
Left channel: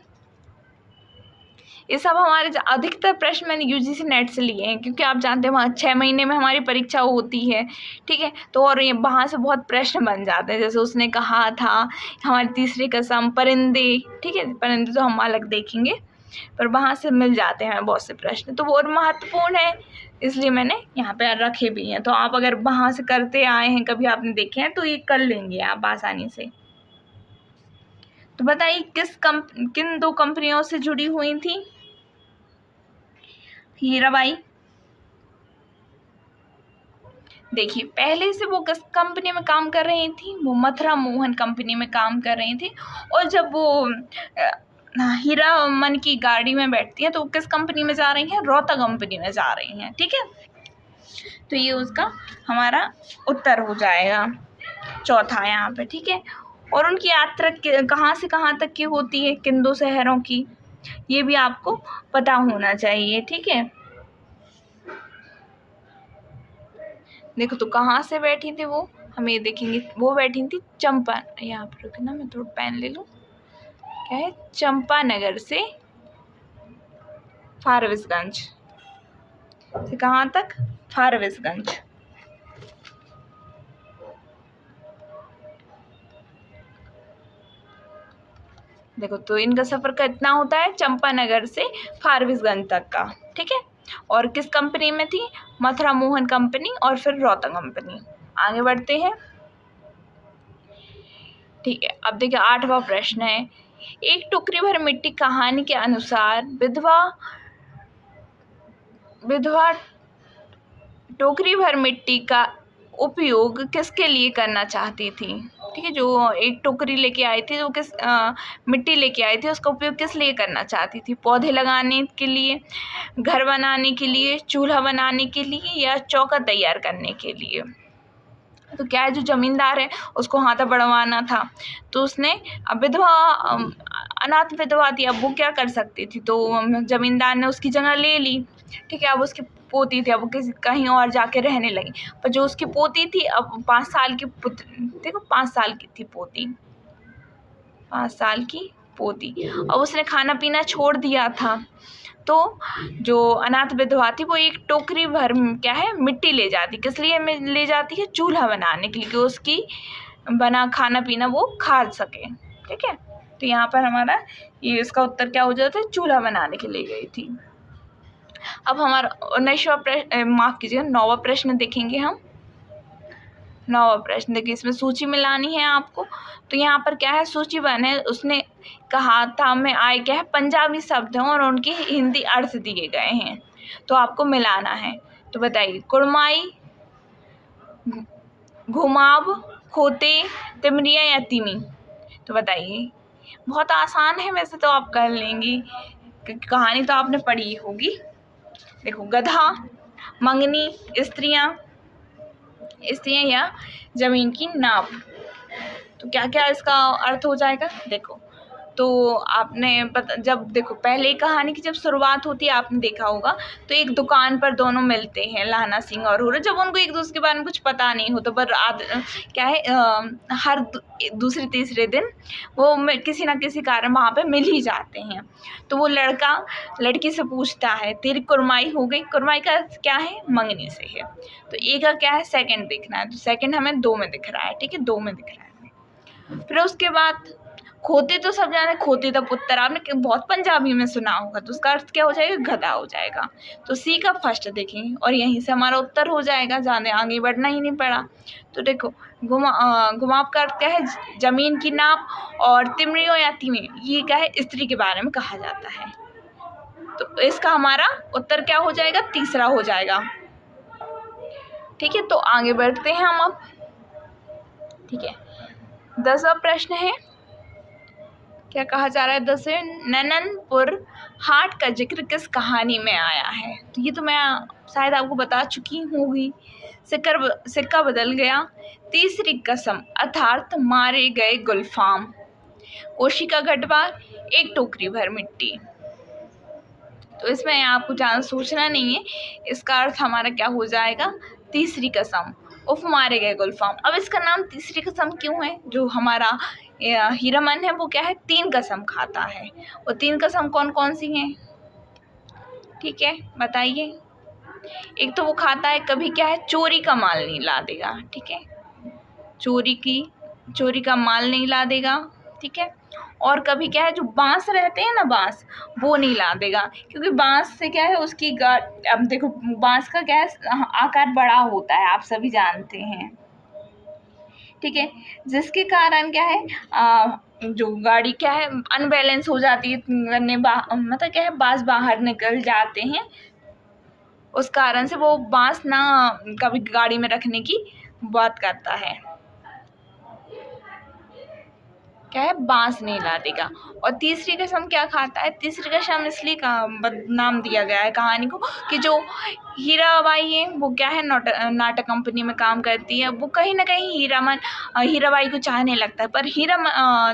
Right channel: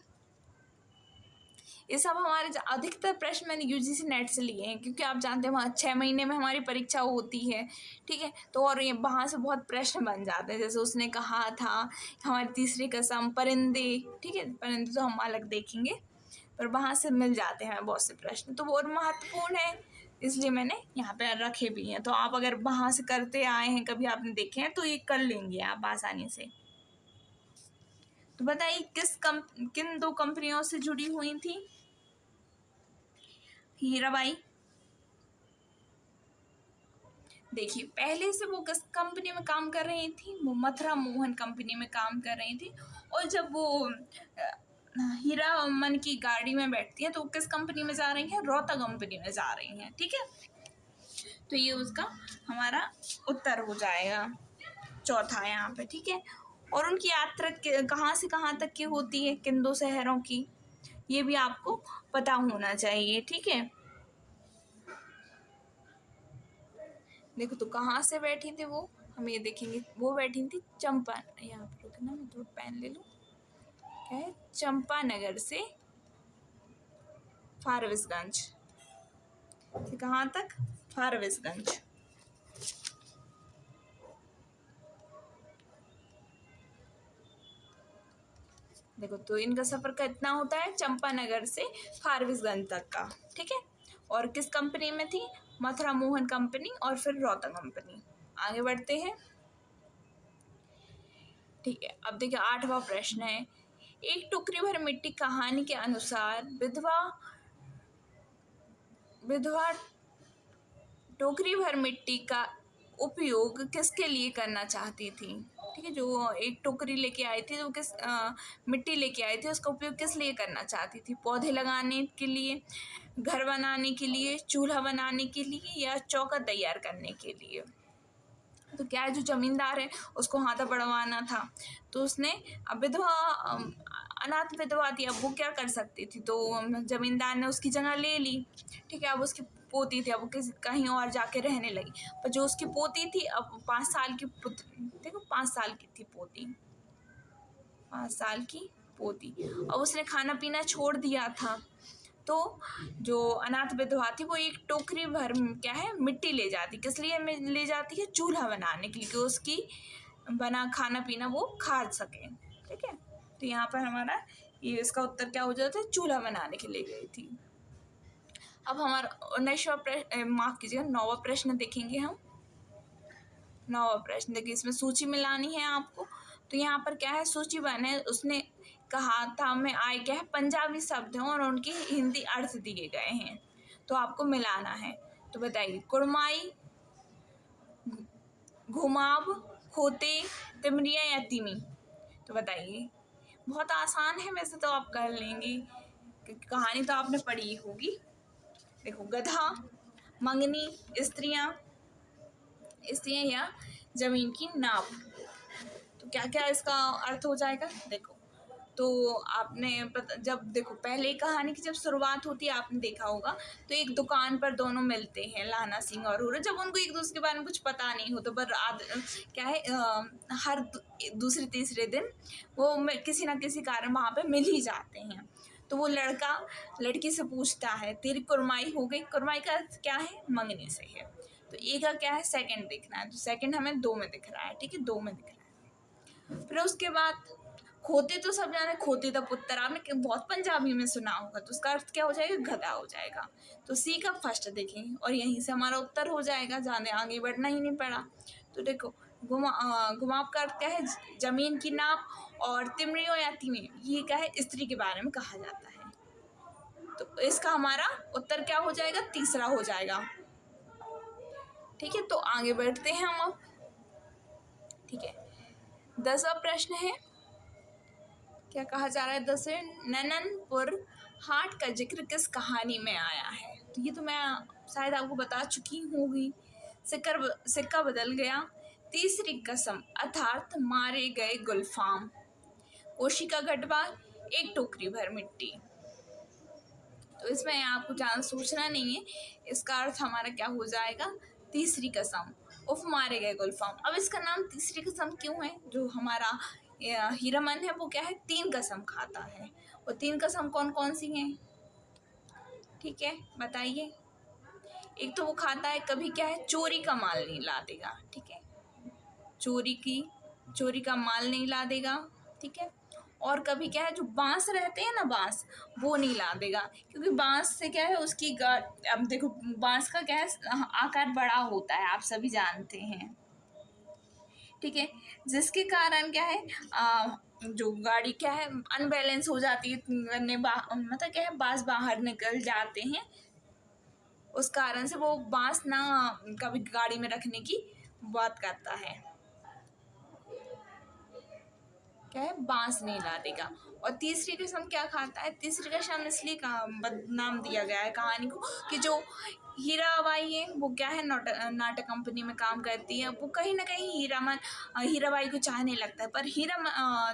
ये सब हमारे अधिकतर प्रश्न मैंने यूजीसी नेट से लिए हैं, क्योंकि आप जानते हैं वहाँ 6 महीने में हमारी परीक्षा होती है, ठीक है। तो और ये वहाँ से बहुत प्रश्न बन जाते हैं, जैसे उसने कहा था, हमारी तीसरी कसम, परिंदे, ठीक है। परिंदे तो हम अलग देखेंगे, पर वहाँ से मिल जाते हैं बहुत से प्रश्न, तो वो और महत्वपूर्ण है, इसलिए मैंने यहाँ पे रखे भी हैं। तो आप अगर वहाँ से करते आए हैं, कभी आपने देखे हैं, तो ये कर लेंगे आप आसानी से। तो बताइए, किन 2 कंपनियों से जुड़ी हुई थी हीराबाई। देखिए, पहले से वो किस कंपनी में काम कर रही थी, वो मथुरा मोहन कंपनी में काम कर रही थी। और जब वो हीरा मन की गाड़ी में बैठती हैं तो वो किस कंपनी में जा रही हैं, रोहता कंपनी में जा रही हैं, ठीक है। तो ये उसका हमारा उत्तर हो जाएगा, चौथा यहाँ पे, ठीक है। और उनकी यात्रा कहाँ से कहाँ तक की होती है, किन 2 शहरों की, ये भी आपको पता होना चाहिए, ठीक है। देखो, तो कहाँ से बैठी थी वो, हम ये देखेंगे। वो बैठी थी चंपा, यहाँ पर रुकना, मैं थोड़ा पेन ले लूँ, क्या है, चंपानगर से फारबिसगंज, से कहाँ तक, फारबिसगंज। देखो, तो इनका सफ़र कितना होता है, चंपानगर से फारबिसगंज तक का, ठीक है। और किस कंपनी में थी? मथुरा मोहन कंपनी और फिर रौता कंपनी। आगे बढ़ते हैं। ठीक है, अब देखिए 8वां प्रश्न है, एक टोकरी भर मिट्टी कहानी के अनुसार विधवा टोकरी भर मिट्टी का उपयोग किसके लिए करना चाहती थी? ठीक है, जो एक टोकरी लेके आई थी, जो मिट्टी लेके आई थी, उसका उपयोग किस लिए करना चाहती थी? पौधे लगाने के लिए, घर बनाने के लिए, चूल्हा बनाने के लिए, या चौका तैयार करने के लिए? तो क्या है, जो जमींदार है उसको हाथा बढ़वाना था, तो उसने अब अनाथ विधवा थी, अब वो क्या कर सकती थी, तो जमींदार ने उसकी जगह ले ली। ठीक है, अब उसकी पोती थी, अब वो कहीं और जाके रहने लगी, पर जो उसकी पोती थी, अब 5 साल की पुत्री, देखो 5 साल की थी पोती, 5 साल की पोती, अब उसने खाना पीना छोड़ दिया था, तो जो अनाथ विधवा थी वो एक टोकरी भर क्या है मिट्टी ले जाती, किस लिए ले जाती है? चूल्हा बनाने के लिए, कि उसकी बना खाना पीना वो खा सके। ठीक है, तो यहाँ पर हमारा ये इसका उत्तर क्या हो जाता है? चूल्हा बनाने के लिए गई थी। अब हमारा 19वां प्रश्न, माफ कीजिएगा 9वां प्रश्न देखेंगे हम। 9वां प्रश्न देखिए, इसमें सूची मिलानी है आपको, तो यहाँ पर क्या है, सूची बने, उसने कहा था में आए क्या है पंजाबी शब्द हैं और उनके हिंदी अर्थ दिए गए हैं, तो आपको मिलाना है। तो बताइए, कुड़माई, घुमाव, खोते, तिमरिया या तिमी? तो बताइए, बहुत आसान है वैसे तो, आप कर लेंगी क्योंकि कहानी तो आपने पढ़ी होगी। देखो, गधा, मंगनी, स्त्रियां या जमीन की नाप, तो क्या क्या इसका अर्थ हो जाएगा? देखो, तो आपने जब देखो पहले कहानी की जब शुरुआत होती है, आपने देखा होगा, तो एक दुकान पर दोनों मिलते हैं, लाना सिंह और हुर्रा, जब उनको एक दूसरे के बारे में कुछ पता नहीं होता, पर क्या है हर दूसरे तीसरे दिन वो किसी ना किसी कारण वहाँ पे मिल ही जाते हैं, तो वो लड़का लड़की से पूछता है, तेरी कुरमाई हो गई? कुरमाई का क्या है? मंगनी से है। तो ए का क्या है? सेकंड दिखना है, तो सेकंड हमें 2 में दिख रहा है। ठीक है, 2 में दिख रहा है। फिर उसके बाद खोते, तो सब जाने खोते का पुत्र, आपने बहुत पंजाबी में सुना होगा, तो उसका अर्थ क्या हो जाएगा? गधा हो जाएगा। तो सी का फर्स्ट देखेंगे और यहीं से हमारा उत्तर हो जाएगा, ज़्यादा आगे बढ़ना ही नहीं पड़ा। तो देखो, घुमाव का अर्थ क्या है? जमीन की नाप, और तिमरियों या तिमी, ये क्या है? स्त्री के बारे में कहा जाता है। तो इसका हमारा उत्तर क्या हो जाएगा? तीसरा हो जाएगा। ठीक है, तो आगे बढ़ते हैं हम अब। ठीक है, 10वां प्रश्न है, क्या कहा जा रहा है? 10वें, नननपुर हाट का जिक्र किस कहानी में आया है? तो ये तो मैं शायद आपको बता चुकी होंगी। सिक्का बदल गया, तीसरी कसम अर्थात मारे गए गुलफाम, कोशी का घटवा, एक टोकरी भर मिट्टी। तो इसमें आपको ज़्यादा सोचना नहीं है, इसका अर्थ हमारा क्या हो जाएगा? तीसरी कसम, उफ मारे गए गुलफाम। अब इसका नाम तीसरी कसम क्यों है? जो हमारा हीरामन है वो क्या है? 3 कसम खाता है। वो 3 कसम कौन कौन सी हैं? ठीक है, बताइए। एक तो वो खाता है, कभी क्या है, चोरी का माल नहीं ला देगा। ठीक है, चोरी का माल नहीं ला देगा। ठीक है, और कभी क्या है, जो बांस रहते हैं ना, बांस, वो नहीं ला देगा, क्योंकि बांस से क्या है उसकी अब देखो, बांस का क्या है आकार बड़ा होता है, आप सभी जानते हैं। ठीक है, जिसके कारण क्या है जो गाड़ी क्या है अनबैलेंस हो जाती है, मतलब क्या है बांस बाहर निकल जाते हैं, उस कारण से वो बांस ना कभी गाड़ी में रखने की बात करता है। क्या है? बांस नहीं ला देगा। और तीसरी कसम क्या खाता है? तीसरी कसम इसलिए नाम दिया गया है कहानी को कि जो हीराबाई है वो क्या है नाटक कंपनी में काम करती है, वो कहीं ना कहीं हीराबाई को चाहने लगता है, पर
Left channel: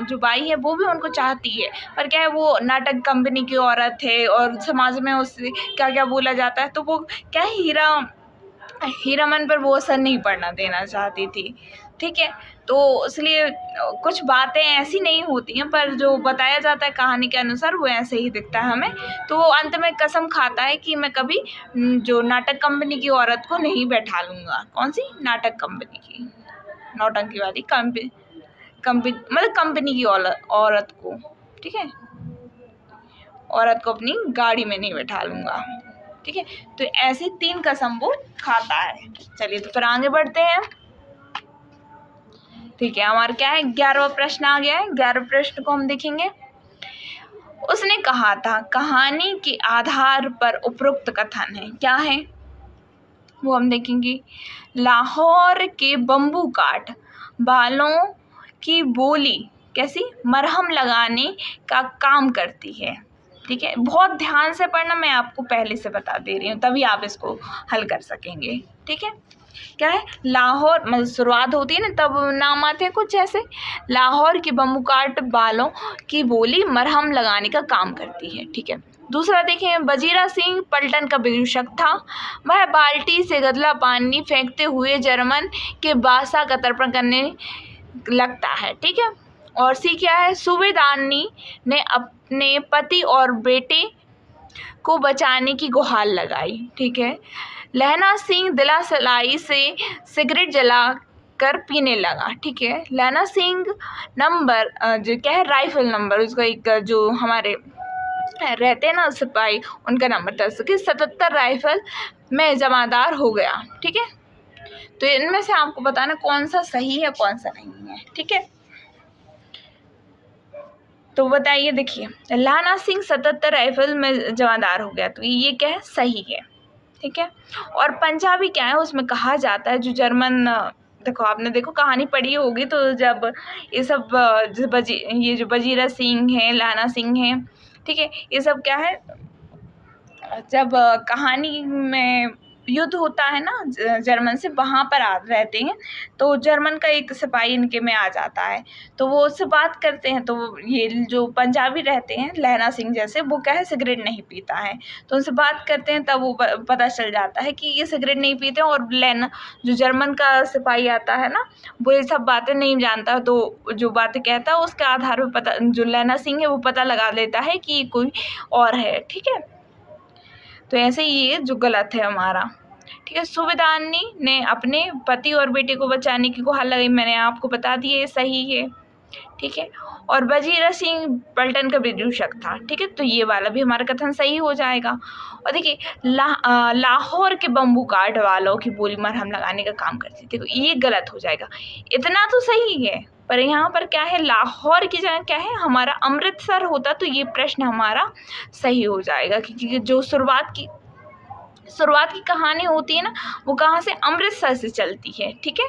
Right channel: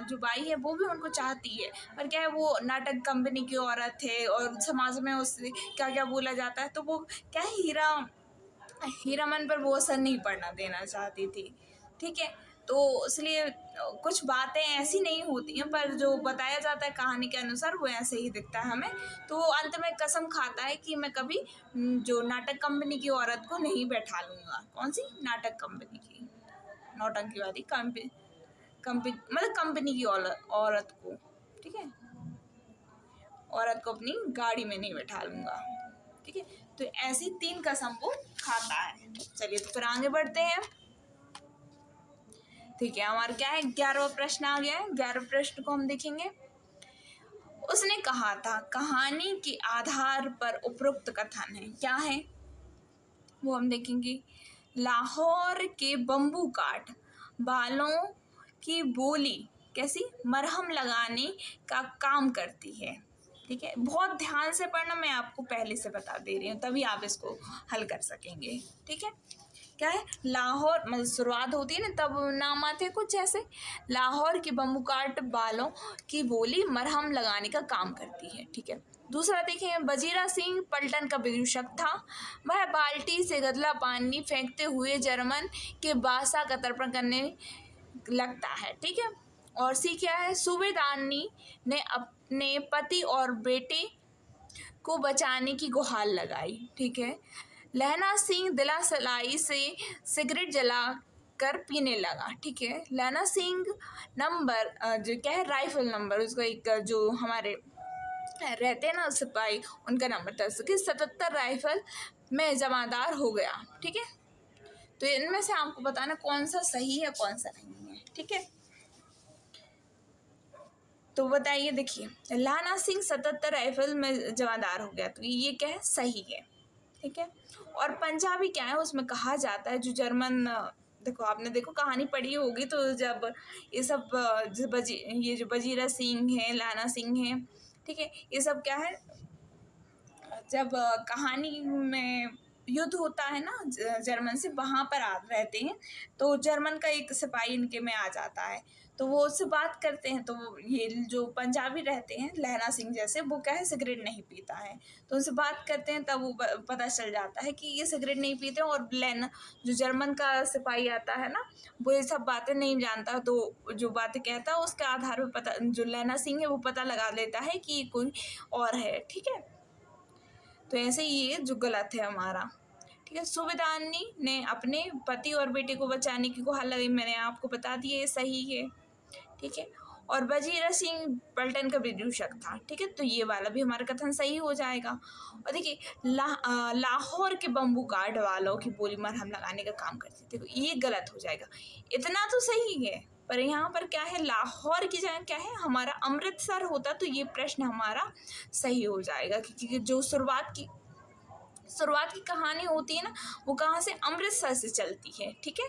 जो बाई है वो भी उनको चाहती है, पर क्या है वो नाटक कंपनी की औरत है और समाज में उससे क्या क्या बोला जाता है, तो वो क्या है हीरामन पर वो असर नहीं पड़ना देना चाहती थी। ठीक है, तो इसलिए कुछ बातें ऐसी नहीं होती हैं, पर जो बताया जाता है कहानी के अनुसार वो ऐसे ही दिखता है हमें। तो वो अंत में कसम खाता है कि मैं कभी जो नाटक कंपनी की औरत को नहीं बैठा लूँगा। कौन सी? नाटक कंपनी की, नौटंकी वाली कंपनी मतलब कंपनी की औरत को। ठीक है, औरत को अपनी गाड़ी में नहीं बैठा लूँगा। ठीक है। तो ऐसे 3 कसम वो खाता है। चलिए तो फिर आगे बढ़ते हैं। ठीक है, हमारा क्या है, 11वां प्रश्न आ गया है। 11वें प्रश्न को हम देखेंगे। उसने कहा था कहानी के आधार पर उपरोक्त कथन है, क्या है वो हम देखेंगे। लाहौर के बम्बू काट बालों की बोली कैसी मरहम लगाने का काम करती है। ठीक है, बहुत ध्यान से पढ़ना, मैं आपको पहले से बता दे रही हूँ, तभी आप इसको हल कर सकेंगे। ठीक है, क्या है, लाहौर मतलब शुरुआत होती है ना तब नाम आते हैं कुछ ऐसे। लाहौर की बम्बू काट बालों की बोली मरहम लगाने का काम करती है। ठीक है, दूसरा देखें, वजीरा सिंह पलटन का विदूषक था। वह बाल्टी से गदला पानी फेंकते हुए जर्मन के बादशाह का तर्पण करने लगता है। ठीक है, और सी क्या है, सूबेदारनी ने अपने पति और बेटे को बचाने की गुहार लगाई। ठीक है, लहना सिंह दिला सलाई से सिगरेट जला कर पीने लगा। ठीक है, लहना सिंह नंबर जो क्या है राइफल नंबर, उसका एक जो हमारे रहते हैं ना सिपाही, उनका नंबर था 77 राइफल में जमादार हो गया। ठीक है, तो इनमें से आपको बताना कौन सा सही है कौन सा नहीं है। ठीक है, तो बताइए। देखिए, लाना सिंह 77 राइफल में जमादार हो गया, तो ये क्या है, सही है। ठीक है, और पंजाबी क्या है, उसमें कहा जाता है जो जर्मन, देखो आपने देखो कहानी पढ़ी होगी, तो जब ये सब ये जो वजीरा सिंह है, लाना सिंह है, ठीक है, ये सब क्या है, जब कहानी में युद्ध होता है ना जर्मन से, वहाँ पर रहते हैं, तो जर्मन का एक सिपाही इनके में आ जाता है, तो वो उससे बात करते हैं। तो ये जो पंजाबी रहते हैं लहना सिंह जैसे, वो क्या है सिगरेट नहीं पीता है, तो उनसे बात करते हैं, तब वो पता चल जाता है कि ये सिगरेट नहीं पीते हैं। और लहना जो जर्मन का सिपाही आता है ना, वो ये सब बातें नहीं जानता, तो जो बातें कहता है उसके आधार पर पता, जो लहना सिंह है वो पता लगा लेता है कि कोई और है। ठीक है, तो ऐसे ही ये जो गलत है हमारा। ठीक है, सूबेदारनी ने अपने पति और बेटे को बचाने की गुहार लगाई, मैंने आपको बता दिया ये सही है। ठीक है, और वजीरा सिंह पलटन का विदूषक था। ठीक है, तो ये वाला भी हमारा कथन सही हो जाएगा। और देखिए, लाहौर के बम्बू काट वालों की बोली मरहम लगाने का काम करती थी, देखो ये गलत हो जाएगा। इतना तो सही है, पर यहाँ पर क्या है, लाहौर की जगह क्या है हमारा अमृतसर होता, तो ये प्रश्न हमारा सही हो जाएगा, क्योंकि जो शुरुआत की कहानी होती है ना, वो कहाँ से, अमृतसर से चलती है। ठीक है,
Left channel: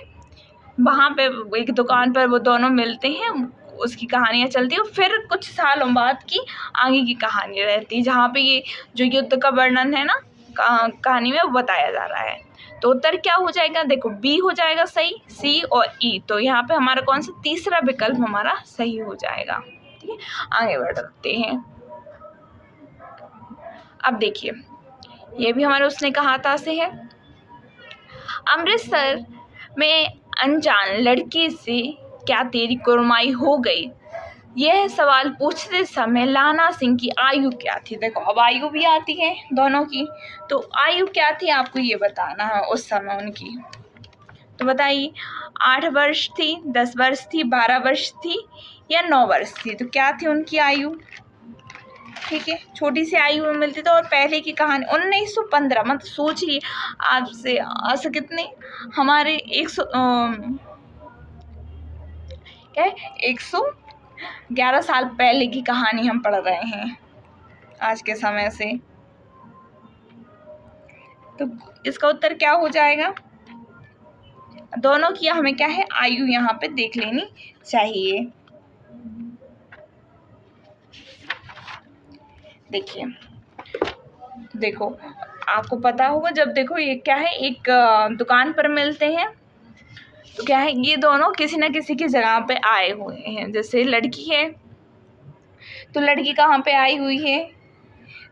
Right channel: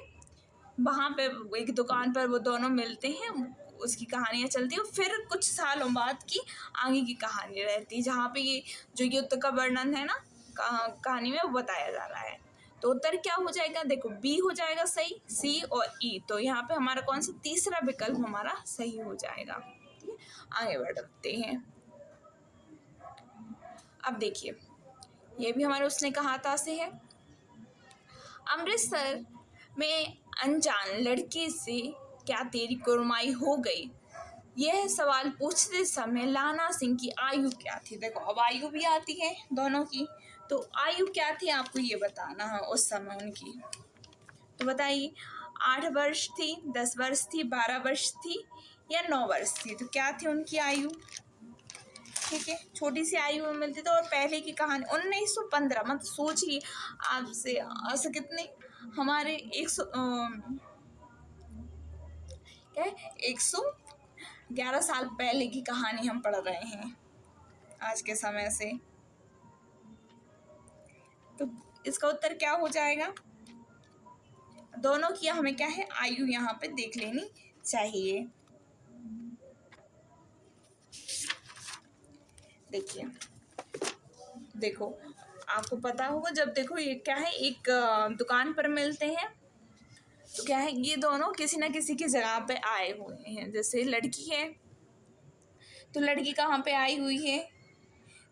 वहाँ पे एक दुकान पर वो दोनों मिलते हैं, उसकी कहानियाँ चलती है, फिर कुछ सालों बाद की आगे की कहानी रहती है, जहाँ पे ये जो युद्ध का वर्णन है ना कहानी में वो बताया जा रहा है। तो उत्तर क्या हो जाएगा, देखो बी हो जाएगा सही, सी और ई, तो यहाँ पे हमारा कौन सा तीसरा विकल्प हमारा सही हो जाएगा। ठीक है, आगे बढ़ते हैं। अब देखिए, ये भी हमारे उसने कहा था से है। अमृतसर में अनजान लड़की से क्या तेरी कुरमाई हो गई, यह सवाल पूछते समय लाना सिंह की आयु क्या थी। देखो अब आयु भी आती है दोनों की, तो आयु क्या थी आपको ये बताना है उस समय उनकी। तो बताइए, 8 वर्ष थी, 10 वर्ष थी, 12 वर्ष थी या 9 वर्ष थी, तो क्या थी उनकी आयु। ठीक है, छोटी सी आयु में मिलती थी। और पहले की कहानी 1915, मतलब सोचिए आपसे आज कितने हमारे 100 क्या है 111 साल पहले की कहानी हम पढ़ रहे हैं आज के समय से, तो इसका उत्तर क्या हो जाएगा। दोनों की हमें क्या है आयु यहाँ पे देख लेनी चाहिए। देखिए, देखो आपको पता होगा, जब देखो ये क्या है एक दुकान पर मिलते हैं, तो क्या है ये दोनों किसी न किसी की जगह पे आए हुए हैं। जैसे लड़की है, तो लड़की कहाँ पे आई हुई है,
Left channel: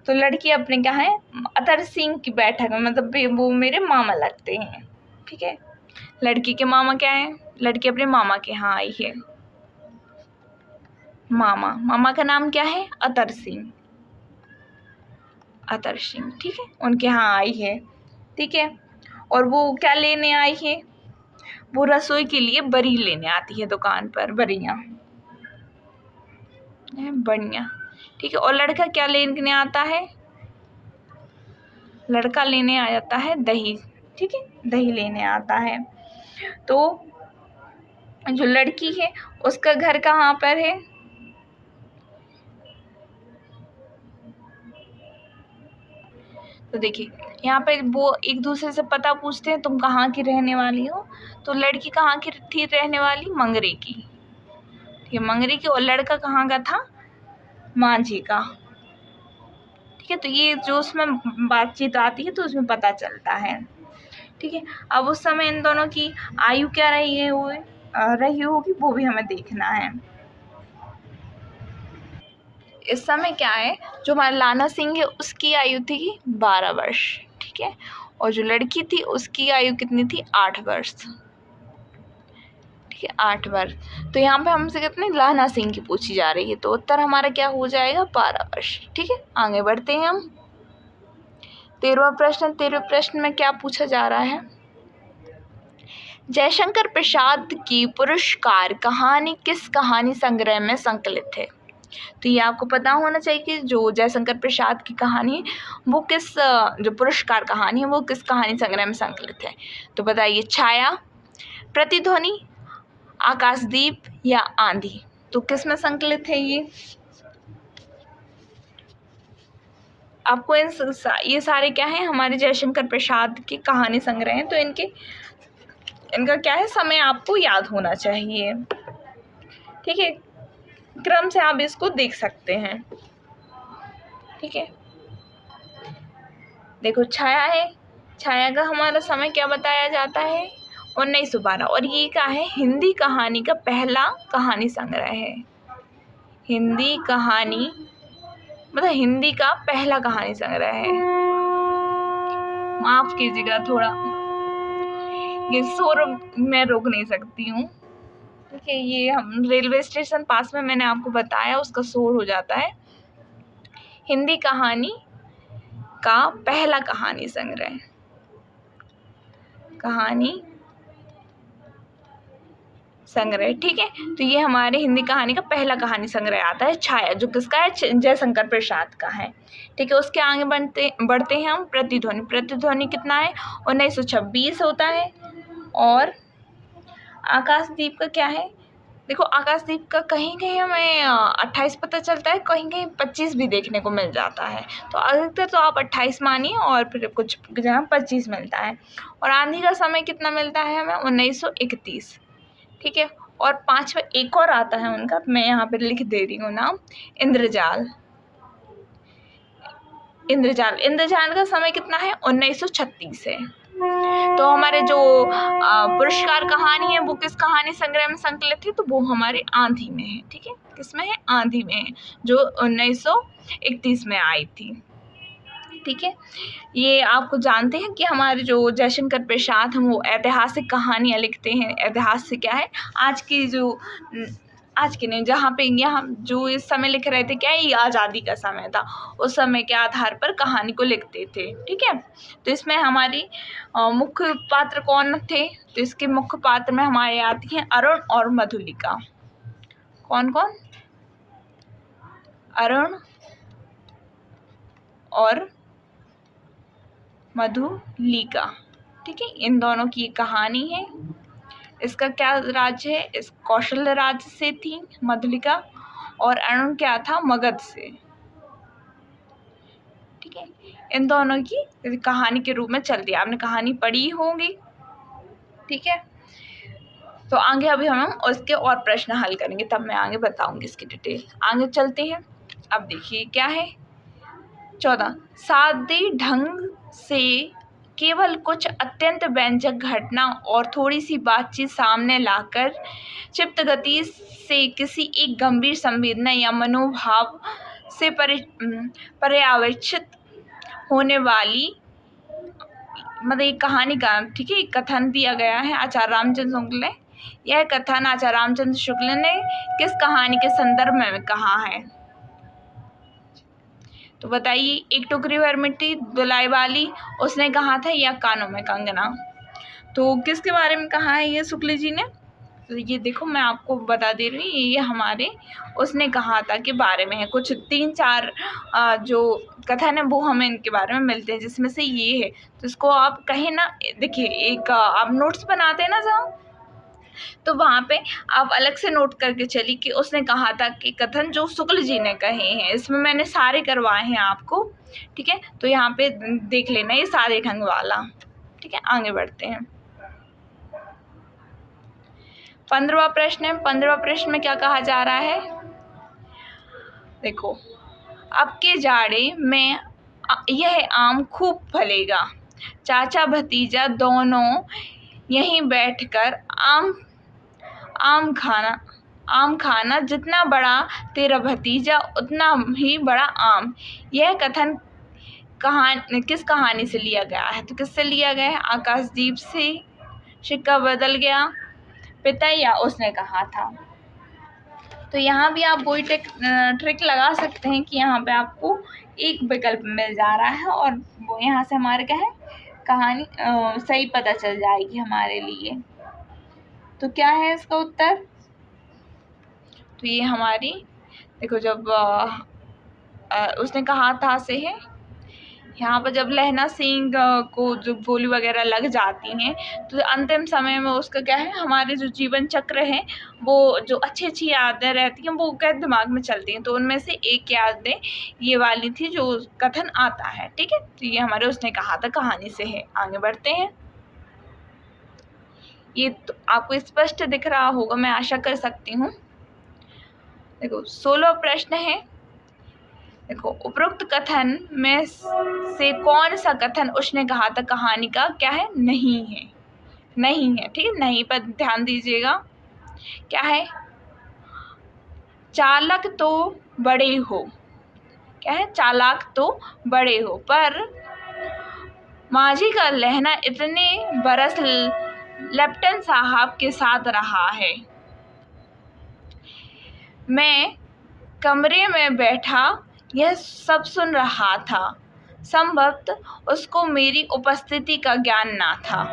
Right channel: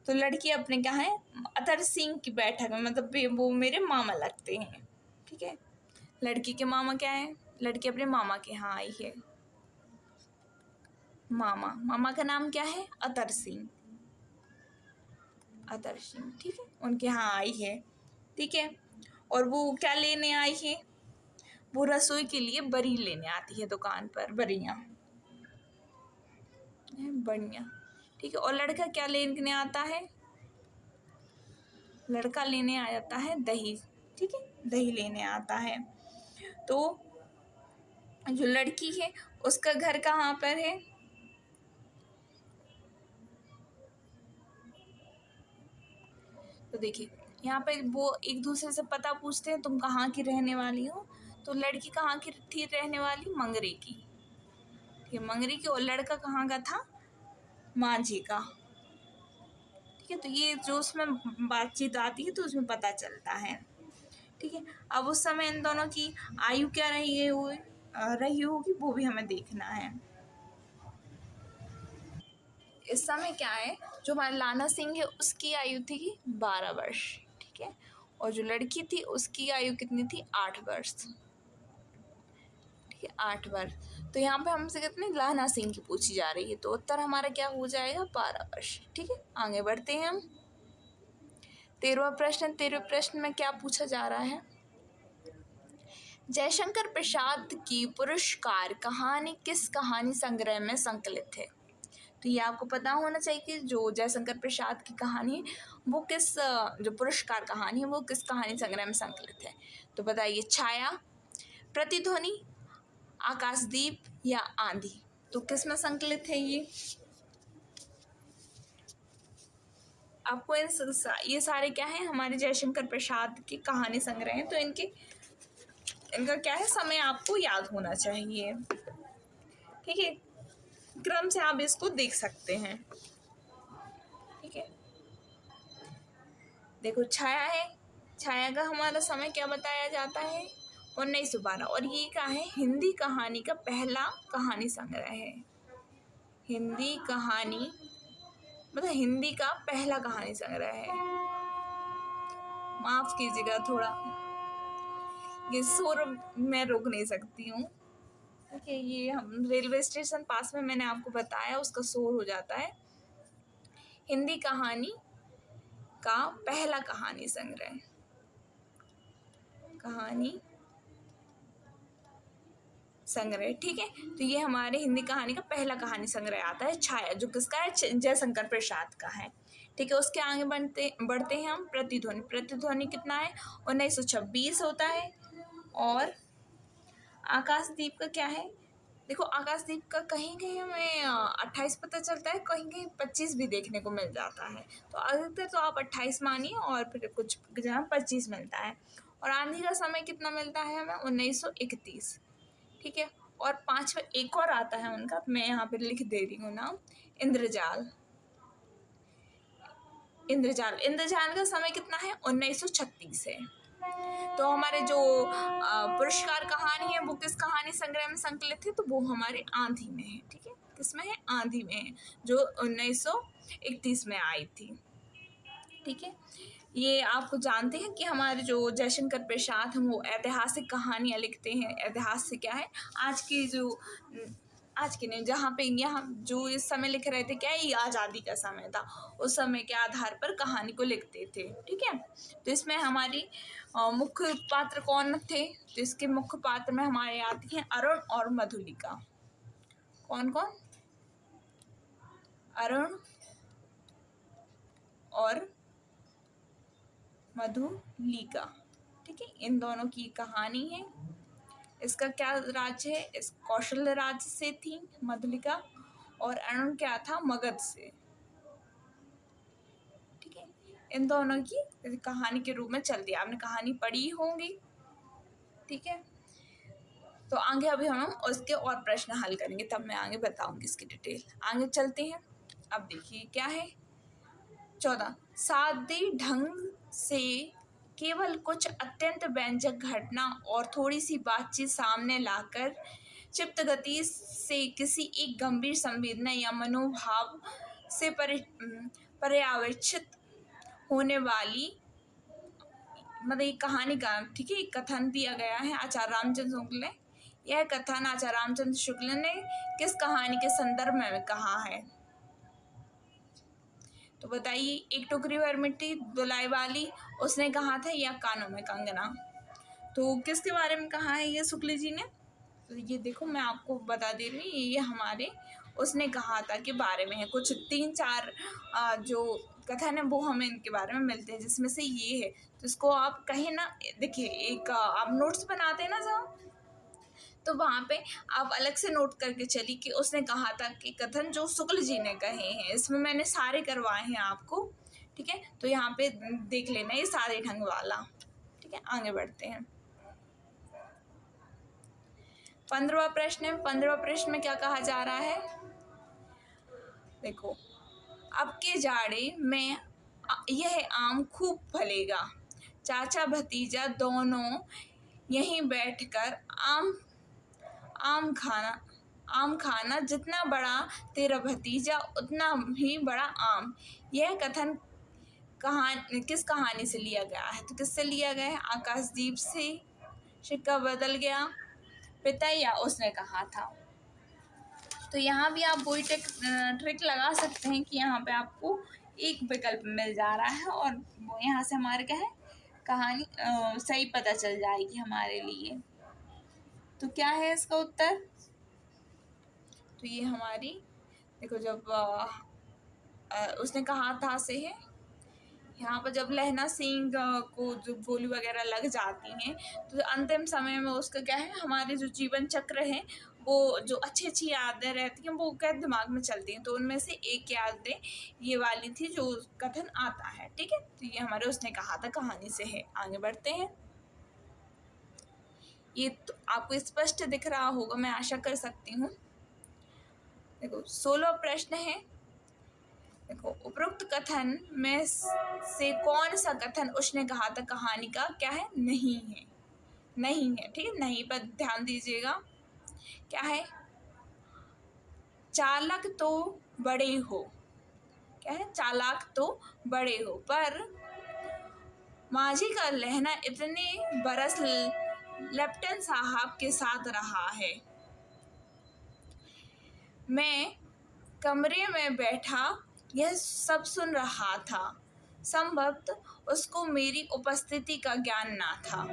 तो लड़की अपने क्या है अतर सिंह की बैठक में, मतलब वो मेरे मामा लगते हैं। ठीक है, लड़की के मामा क्या है, लड़की अपने मामा के यहाँ आई है। मामा का नाम क्या है, अतर सिंह। ठीक है, उनके यहाँ आई है। ठीक है, और वो क्या लेने आई है, वो रसोई के लिए बरी लेने आती है दुकान पर, बरियाँ बढ़िया। ठीक है, और लड़का क्या लेने आता है, लड़का लेने आ जाता है दही, ठीक है, दही लेने आता है। तो जो लड़की है उसका घर कहाँ पर है? तो देखिए यहाँ पे वो एक दूसरे से पता पूछते हैं, तुम कहाँ की रहने वाली हो? तो लड़की कहाँ की थी रहने वाली? मंगरे की, ठीक है, मंगरे की। और लड़का कहाँ का था? मांझी का, ठीक है। तो ये जो उसमें बातचीत आती है तो उसमें पता चलता है, ठीक है। अब उस समय इन दोनों की आयु क्या रही है, वो रही होगी, वो भी हमें देखना है। इस समय क्या है, जो हमारा लाना सिंह है उसकी आयु थी 12 वर्ष, ठीक है। और जो लड़की थी उसकी आयु कितनी थी? 8 वर्ष, ठीक है, 8 वर्ष। तो यहाँ पे हमसे कितने लाना सिंह की पूछी जा रही है, तो उत्तर हमारा क्या हो जाएगा? 12 वर्ष, ठीक है। आगे बढ़ते हैं हम। 13वां प्रश्न। 13वें प्रश्न में क्या पूछा जा रहा है? जयशंकर प्रसाद की पुरस्कार कहानी किस कहानी संग्रह में संकलित है? तो ये आपको पता होना चाहिए कि जो जयशंकर प्रसाद की कहानी है वो किस, जो पुरस्कार कहानी है वो किस कहानी संग्रह में संकलित है? तो बताइए, छाया, प्रतिध्वनि, आकाशदीप या आंधी? तो किस में संकलित है ये? आपको ये सारे क्या है, हमारे जयशंकर प्रसाद की कहानी संग्रह हैं, तो इनका क्या है, समय आपको याद होना चाहिए, ठीक है। क्रम से आप इसको देख सकते हैं, ठीक है। देखो छाया है, छाया का हमारा समय क्या बताया जाता है? 1912। और ये क्या है? हिंदी कहानी का पहला कहानी संग्रह है। हिंदी कहानी मतलब हिंदी का पहला कहानी संग्रह है। माफ कीजिएगा, थोड़ा ये शोर मैं रोक नहीं सकती हूँ, ठीक है। ये हम रेलवे स्टेशन पास में, मैंने आपको बताया, उसका शोर हो जाता है। हिंदी कहानी का पहला कहानी संग्रह, कहानी संग्रह, ठीक है। तो ये हमारे हिंदी कहानी का पहला कहानी संग्रह आता है छाया, जो किसका है? जयशंकर प्रसाद का है, ठीक है। उसके आगे बढ़ते हैं हम। प्रतिध्वनि। प्रतिध्वनि कितना है? 1926 होता है। और आकाशदीप का क्या है? देखो आकाशदीप का कहीं कहीं हमें 28 पता चलता है, कहीं कहीं 25 भी देखने को मिल जाता है। तो अधिकतर तो आप 28 मानिए, और फिर कुछ जगह 25 मिलता है। और आंधी का समय कितना मिलता है हमें? 1931, ठीक है। और 5वां एक और आता है उनका, मैं यहाँ पे लिख दे रही हूँ नाम, इंद्रजाल। इंद्रजाल, इंद्रजाल का समय कितना है? 1936 है। तो हमारे जो पुरस्कार कहानी है वो किस कहानी संग्रह में संकलित है? तो वो हमारे आंधी में है, ठीक है। किसमें है? आंधी में है, जो 1931 में आई थी, ठीक है। ये आपको जानते हैं कि हमारे जो जयशंकर प्रसाद हम वो ऐतिहासिक कहानियाँ लिखते हैं। इतिहास से क्या है, आज की नहीं, जहाँ पे यहाँ जो इस समय लिख रहे थे, क्या ये आज़ादी का समय था, उस समय के आधार पर कहानी को लिखते थे, ठीक है। तो इसमें हमारी मुख्य पात्र कौन थे? तो इसके मुख्य पात्र में हमारे आती हैं अरुण और मधुलिका। कौन कौन? अरुण और मधुलिका, ठीक है। इन दोनों की कहानी है। इसका क्या राज्य है? इस कौशल राज्य से थी मधुलिका, और अरुण क्या था? मगध से, ठीक है। इन दोनों की कहानी के रूप में चलती है, आपने कहानी पढ़ी होगी, ठीक है। तो आगे अभी हम उसके और प्रश्न हल करेंगे, तब मैं आगे बताऊंगी इसकी डिटेल। आगे चलते हैं। अब देखिए क्या है 14। सादे ढंग से केवल कुछ अत्यंत व्यंजक घटना और थोड़ी सी बातचीत सामने लाकर क्षिप्त गति से किसी एक गंभीर संवेदना या मनोभाव से पर्यवेक्षित होने वाली, मतलब एक कहानी का, ठीक है, एक कथन दिया गया है आचार्य रामचंद्र शुक्ल ने। यह कथन आचार्य रामचंद्र शुक्ल ने किस कहानी के संदर्भ में कहा है? तो बताइए, एक टोकरी भर मिट्टी धुलाई वाली उसने कहा था, या कानों में कंगना? तो किसके बारे में कहा है ये शुक्ल जी ने? तो ये देखो मैं आपको बता दे रही हूँ, ये हमारे उसने कहा था के बारे में है। कुछ 3-4 जो कथन है वो हमें इनके बारे में मिलते हैं, जिसमें से ये है। तो इसको आप कहीं ना देखिए, एक आप नोट्स बनाते हैं ना जहाँ, तो वहाँ पे आप अलग से नोट करके चलिए कि उसने कहा था कि कथन जो शुक्ल जी ने कहे हैं। इसमें मैंने सारे करवाए हैं आपको, ठीक है। तो यहाँ पे देख लेना ये सारे ढंग वाला, ठीक है। आगे बढ़ते हैं। 15वां प्रश्न है। 15वां प्रश्न में क्या कहा जा रहा है, देखो, अब के जाड़े में यह आम खूब फलेगा, चाचा भतीजा दोनों यहीं बैठकर आम आम खाना, जितना बड़ा तेरा भतीजा उतना ही बड़ा आम। यह कथन किस कहानी से लिया गया है? तो किससे लिया गया है? आकाशदीप से, सिक्का बदल गया, पिता, या उसने कहा था। तो यहाँ भी आप वही ट्रिक लगा सकते हैं कि यहाँ पे आपको एक विकल्प मिल जा रहा है और वो यहाँ से हमारे क्या है, कहानी सही पता चल जाएगी हमारे लिए। तो क्या है इसका उत्तर? तो ये हमारी देखो, जब उसने कहा था से है, यहाँ पर जब लहना सिंह को जो गोली वगैरह लग जाती हैं, तो अंतिम समय में उसका क्या है, हमारे जो जीवन चक्र है वो जो अच्छी अच्छी यादें रहती हैं वो क्या दिमाग में चलती हैं। तो उनमें से एक यादें ये वाली थी जो कथन आता है, ठीक है। तो ये हमारे उसने कहा था कहानी से है। आगे बढ़ते हैं। ये तो आपको स्पष्ट दिख रहा होगा, मैं आशा कर सकती हूँ। देखो 16वां प्रश्न है। देखो, उपरोक्त कथन में से कौन सा कथन उसने कहा था कहानी का क्या है, नहीं है, नहीं है, ठीक है। नहीं पर ध्यान दीजिएगा। क्या है, चालक तो बड़े हो, क्या है, चालाक तो बड़े हो, पर माझी का लहना इतने बरस लेफ्टिनेंट साहब के साथ रहा है। मैं कमरे में बैठा यह सब सुन रहा था, संभवतः उसको मेरी उपस्थिति का ज्ञान ना था,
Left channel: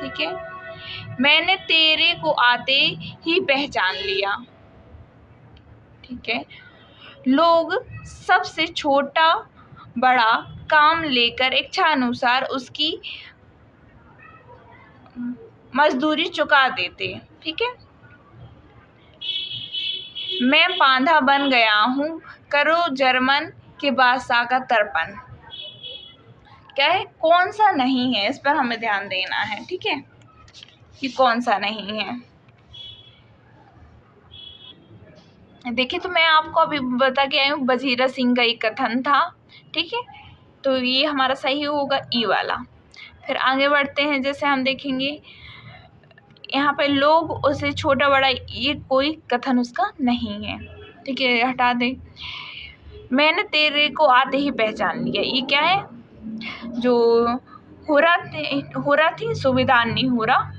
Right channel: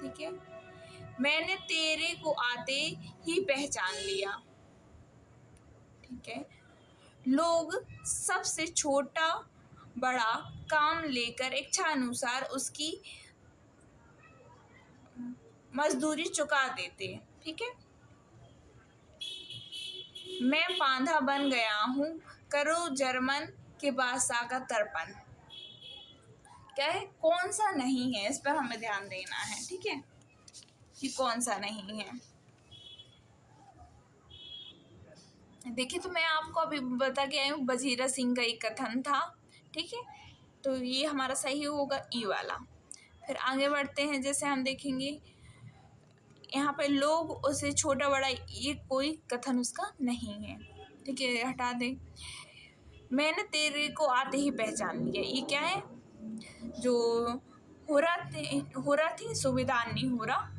ठीक है। मैंने तेरे को आते ही पहचान लिया, ठीक है। लोग सबसे छोटा बड़ा काम लेकर इच्छा अनुसार उसकी मजदूरी चुका देते, ठीक है। मैं पांधा बन गया हूँ, करो जर्मन के बादशाह का तर्पण। क्या है, कौन सा नहीं है, इस पर हमें ध्यान देना है, ठीक है, कि कौन सा नहीं है। देखिए, तो मैं आपको अभी बता के आई हूँ वजीरा सिंह का एक कथन था, ठीक है। तो ये हमारा सही होगा ई वाला। फिर आगे बढ़ते हैं। जैसे हम देखेंगे यहाँ पे लोग उसे छोटा बड़ा, ये कोई कथन उसका नहीं है, ठीक है, हटा दे। मैंने तेरे को आते ही पहचान लिया, ये क्या है, जो हो रहा थी सुविधान नहीं हो रहा,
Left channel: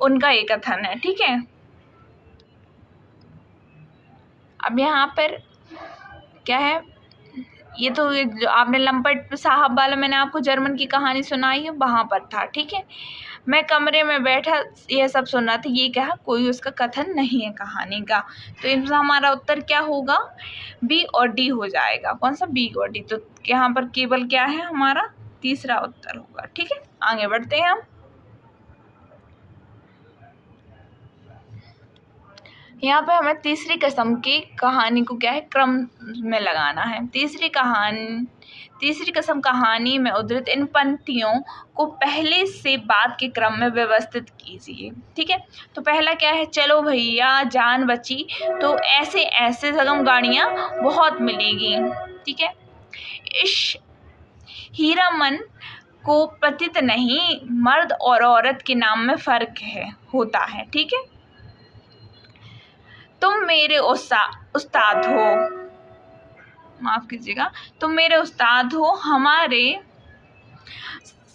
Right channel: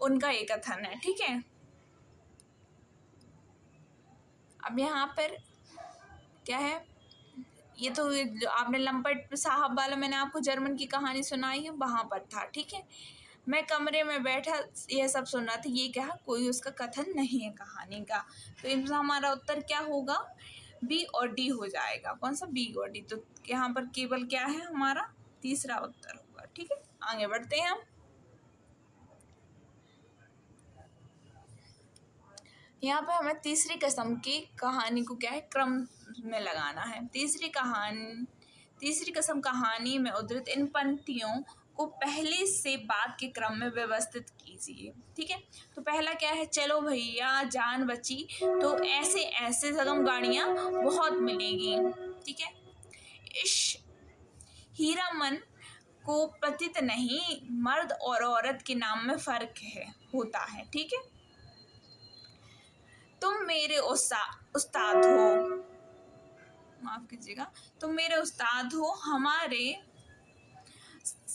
उनका एक कथन है, ठीक है। अब यहाँ पर क्या है, ये तो जो आपने लंपट साहब वाला मैंने आपको जर्मन की कहानी सुनाई है वहाँ पर था, ठीक है। मैं कमरे में बैठा यह सब सुन रहा था, ये क्या है, कोई उसका कथन नहीं है कहानी का। तो इनसे हमारा उत्तर क्या होगा, बी और डी हो जाएगा। कौन सा, बी और डी। तो यहाँ पर केवल क्या है, हमारा तीसरा उत्तर होगा, ठीक है। आगे बढ़ते हैं हम। यहाँ पे हमें तीसरी किस्म की कहानी को क्या है, क्रम में लगाना है। तीसरी किस्म कहानी में उद्धृत इन पंक्तियों को पहले से बाद के क्रम में व्यवस्थित कीजिए, ठीक है। तो पहला क्या है, चलो भैया जान बची तो ऐसे ऐसे सगम गाड़ियाँ बहुत मिलेगी, ठीक है। इस हीरामन को प्रतीत नहीं, मर्द और औरत के नाम में फर्क होता है, ठीक है। तुम मेरे उस्ताद हो, माफ कीजिएगा, तुम मेरे उस्ताद हो, हमारे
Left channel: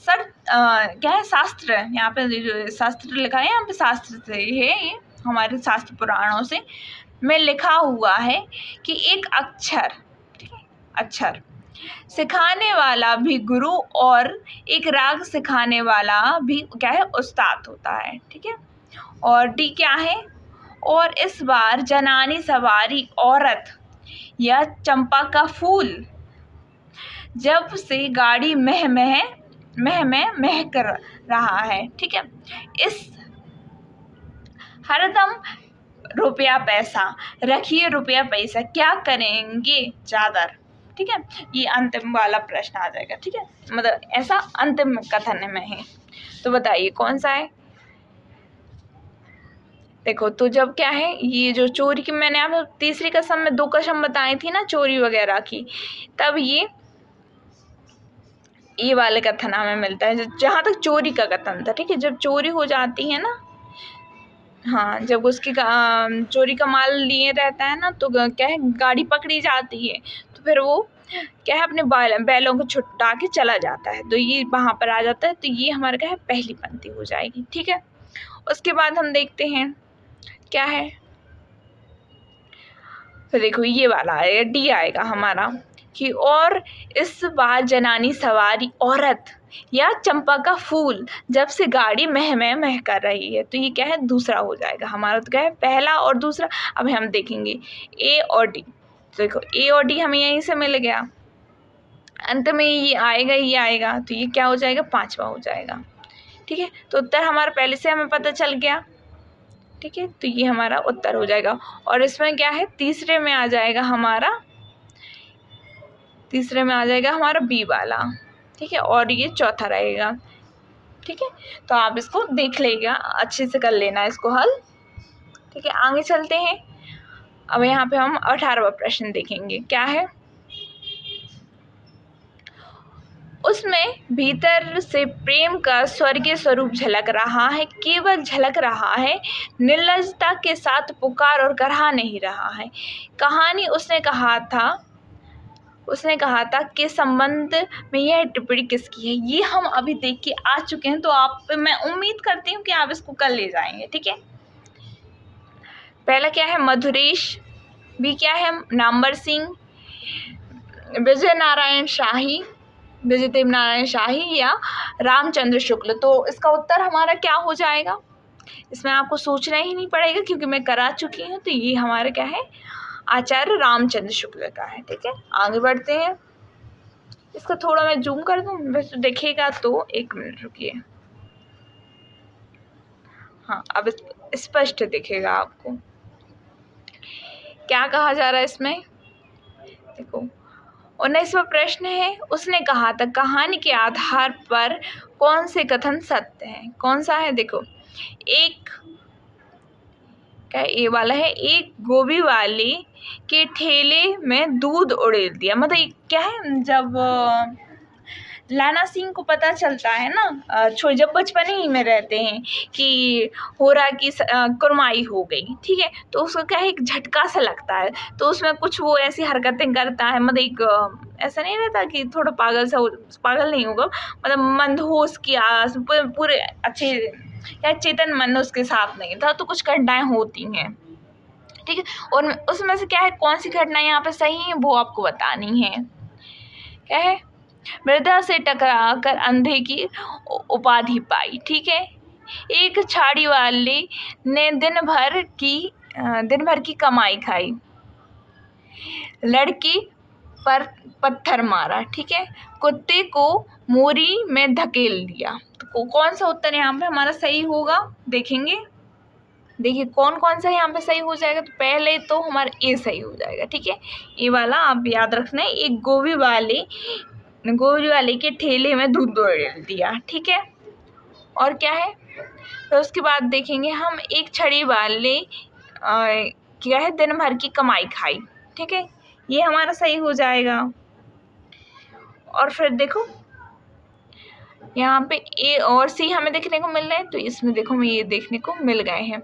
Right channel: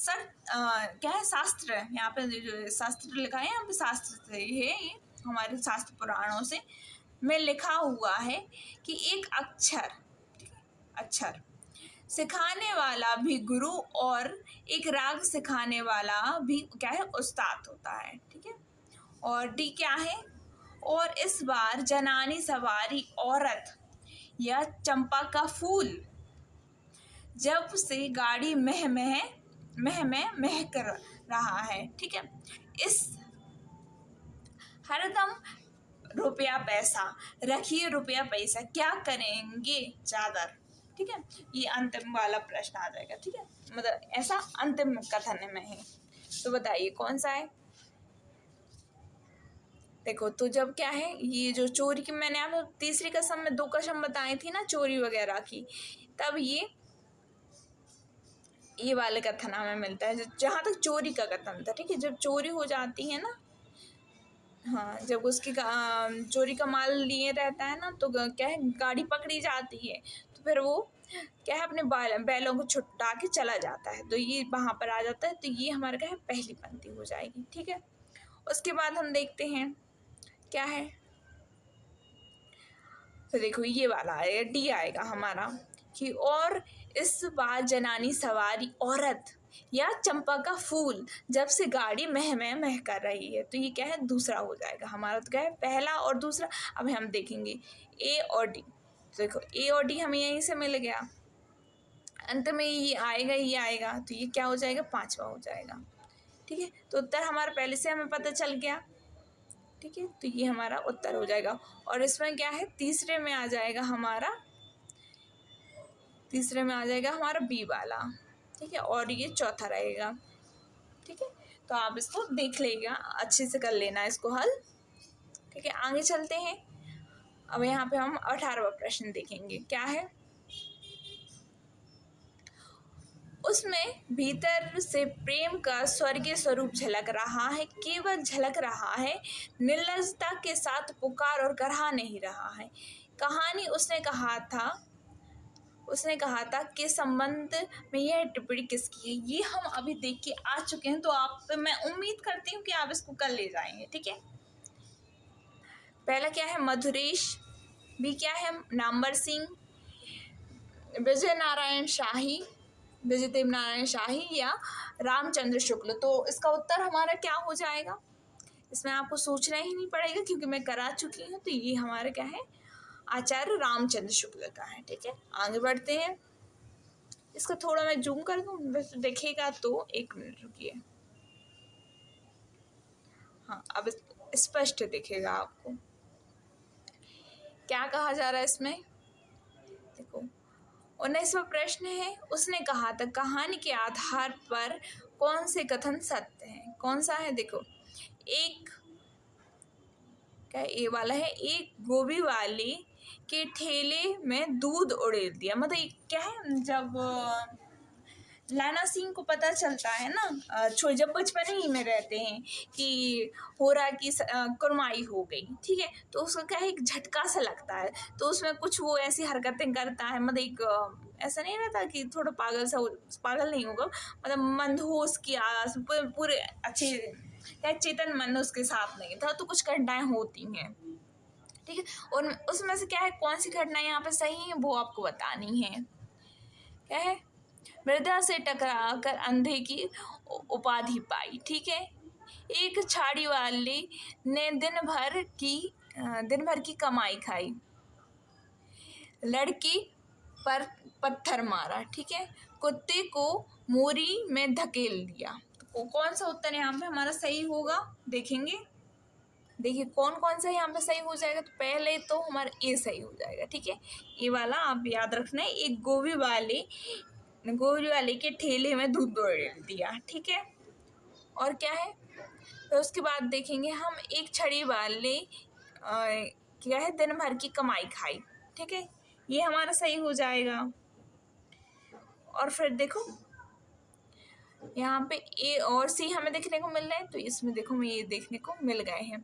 क्या है, शास्त्र, यहाँ पे जो शास्त्र लिखा है, यहाँ पे शास्त्र से है, ये हमारे शास्त्र पुराणों से में लिखा हुआ है कि एक अक्षर, ठीक है, अक्षर सिखाने वाला भी गुरु और एक राग सिखाने वाला भी क्या है, उस्ताद होता है, ठीक है। और डी क्या है, और इस बार जनानी सवारी औरत या चंपा का फूल, जब से गाड़ी मह कर रहा है। ठीक है, इस हरदम रुपया पैसा, रखिए रुपया पैसा, क्या करेंगे चादर। ठीक है, ये अंतिम वाला प्रश्न आ जाएगा। ठीक है, मतलब ऐसा अंतिम कथन में है, तो बताइए कौन सा है। देखो, तो जब क्या है, ये जो चोरी की मैंने आपको तीसरी कसम में 2 कसम बताई थी ना चोरी वगैरह की, तब ये वाले कथन हमें मिलता है जहाँ तक चोरी का कथन था। ठीक है, जब चोरी हो जाती है ना, हाँ, जब उसकी चोरी का माल लिए रहता है ना, तो क्या है, गाड़ी पकड़ी जाती है, तो फिर वो क्या है, अपने बैलों को छुटा के चला जाता है, तो ये वहाँ पर आ जाता है। तो ये हमारा क्या है, पहली पंक्ति हो जाएगी। ठीक है, उसके बाद हम देखते हैं क्या है, तो देखो ये वाला आएगा, डी आएगा हमारा कि और इस बार जनानी सवारी औरत या चंपा का फूल, जब से गाड़ी मह कर रही है। तो ये क्या है, दूसरा हो जाएगा हमारा। तो क्या है, पहला और दूसरा। अब हम देखेंगे ए और डी। तो देखो ए और डी हमें यहीं से मिल गया, अंत में ये आएगा, ये आएगा, तो ये क्या हो जाएगा, 5वां हो जाएगा। ठीक है, तो उत्तर हमारा पहले से हमें पता चल गया। ठीक है, तो ये हमारा उत्तर हो जाएगा। और इसमें क्या है, तीसरे में आ जाएगा हमारा बी वाला। ठीक है, और ये चौथा रहेगा। ठीक है, तो आप इसको देख लेगा, अच्छे से कर लेना इसको हल। ठीक है, आगे चलते हैं। अब यहाँ पे हम 18वां प्रश्न देखेंगे, क्या है, उसमें भीतर से प्रेम का स्वर्गीय स्वरूप झलक रहा है, केवल झलक रहा है, निर्लजता के साथ पुकार और करहा नहीं रहा है। कहानी उसने कहा था कि संबंध में यह टिप्पणी किसकी है। ये हम अभी देख के आ चुके हैं, तो मैं उम्मीद करती हूँ कि आप इसको कर ले जाएंगे। ठीक है, पहला क्या है, मधुरेश, बी क्या है, नाम्बर सिंह, विजय देव नारायण शाही या रामचंद्र शुक्ल। तो इसका उत्तर हमारा क्या हो जाएगा, इसमें आपको सोचना ही नहीं पड़ेगा क्योंकि मैं करा चुकी हूँ। तो ये हमारा क्या है, आचार्य रामचंद्र शुक्ल का है। ठीक है, आगे बढ़ते हैं। इसका थोड़ा मैं जूम कर दूँ, वैसे देखिएगा तो 1 मिनट रुकिए। हाँ, अब स्पष्ट दिखेगा आपको क्या कहा जा रहा है इसमें। देखो, 19वां प्रश्न है, उसने कहा था कहानी के आधार पर कौन से कथन सत्य हैं। कौन सा है, देखो, एक क्या ए वाला है, एक गोभी वाले के ठेले में दूध उड़ेल दिया। मतलब क्या है, जब लाना सिंह को पता चलता है ना, जब बचपन ही में रहते हैं कि हो रहा की कुरमाई हो गई। ठीक है, तो उसको क्या है, एक झटका सा लगता है, तो उसमें कुछ वो ऐसी हरकतें करता है, मतलब एक ऐसा नहीं रहता कि थोड़ा पागल नहीं होगा, मतलब मंदहोश की आस पूरे अच्छे या चेतन मन उसके साथ नहीं था, तो कुछ घटनाएं होती हैं। ठीक है, और उसमें से क्या है, कौन सी घटना यहाँ पे सही है वो आपको बतानी है। क्या है, मृदा से टकरा कर अंधे की उपाधि पाई। ठीक है, एक छाड़ी वाले ने दिन भर की कमाई खाई, लड़की पर पत्थर मारा। ठीक है, कुत्ते को मोरी में धकेल दिया। तो कौन सा उत्तर यहाँ पे हमारा सही होगा, देखेंगे। देखिए कौन कौन सा यहाँ पे सही हो जाएगा। तो पहले तो हमारा ए सही हो जाएगा। ठीक है, ये वाला आप याद रखना है, एक गोभी वाले के ठेले में दूध उड़ेल दिया। ठीक है, और क्या है, तो उसके बाद देखेंगे हम, एक छड़ी वाले क्या है, दिन भर की कमाई खाई। ठीक है, ये हमारा सही हो जाएगा। और फिर देखो यहाँ पे ए और सी हमें देखने को मिल रहे हैं, तो इसमें देखो हमें ये देखने को मिल गए हैं।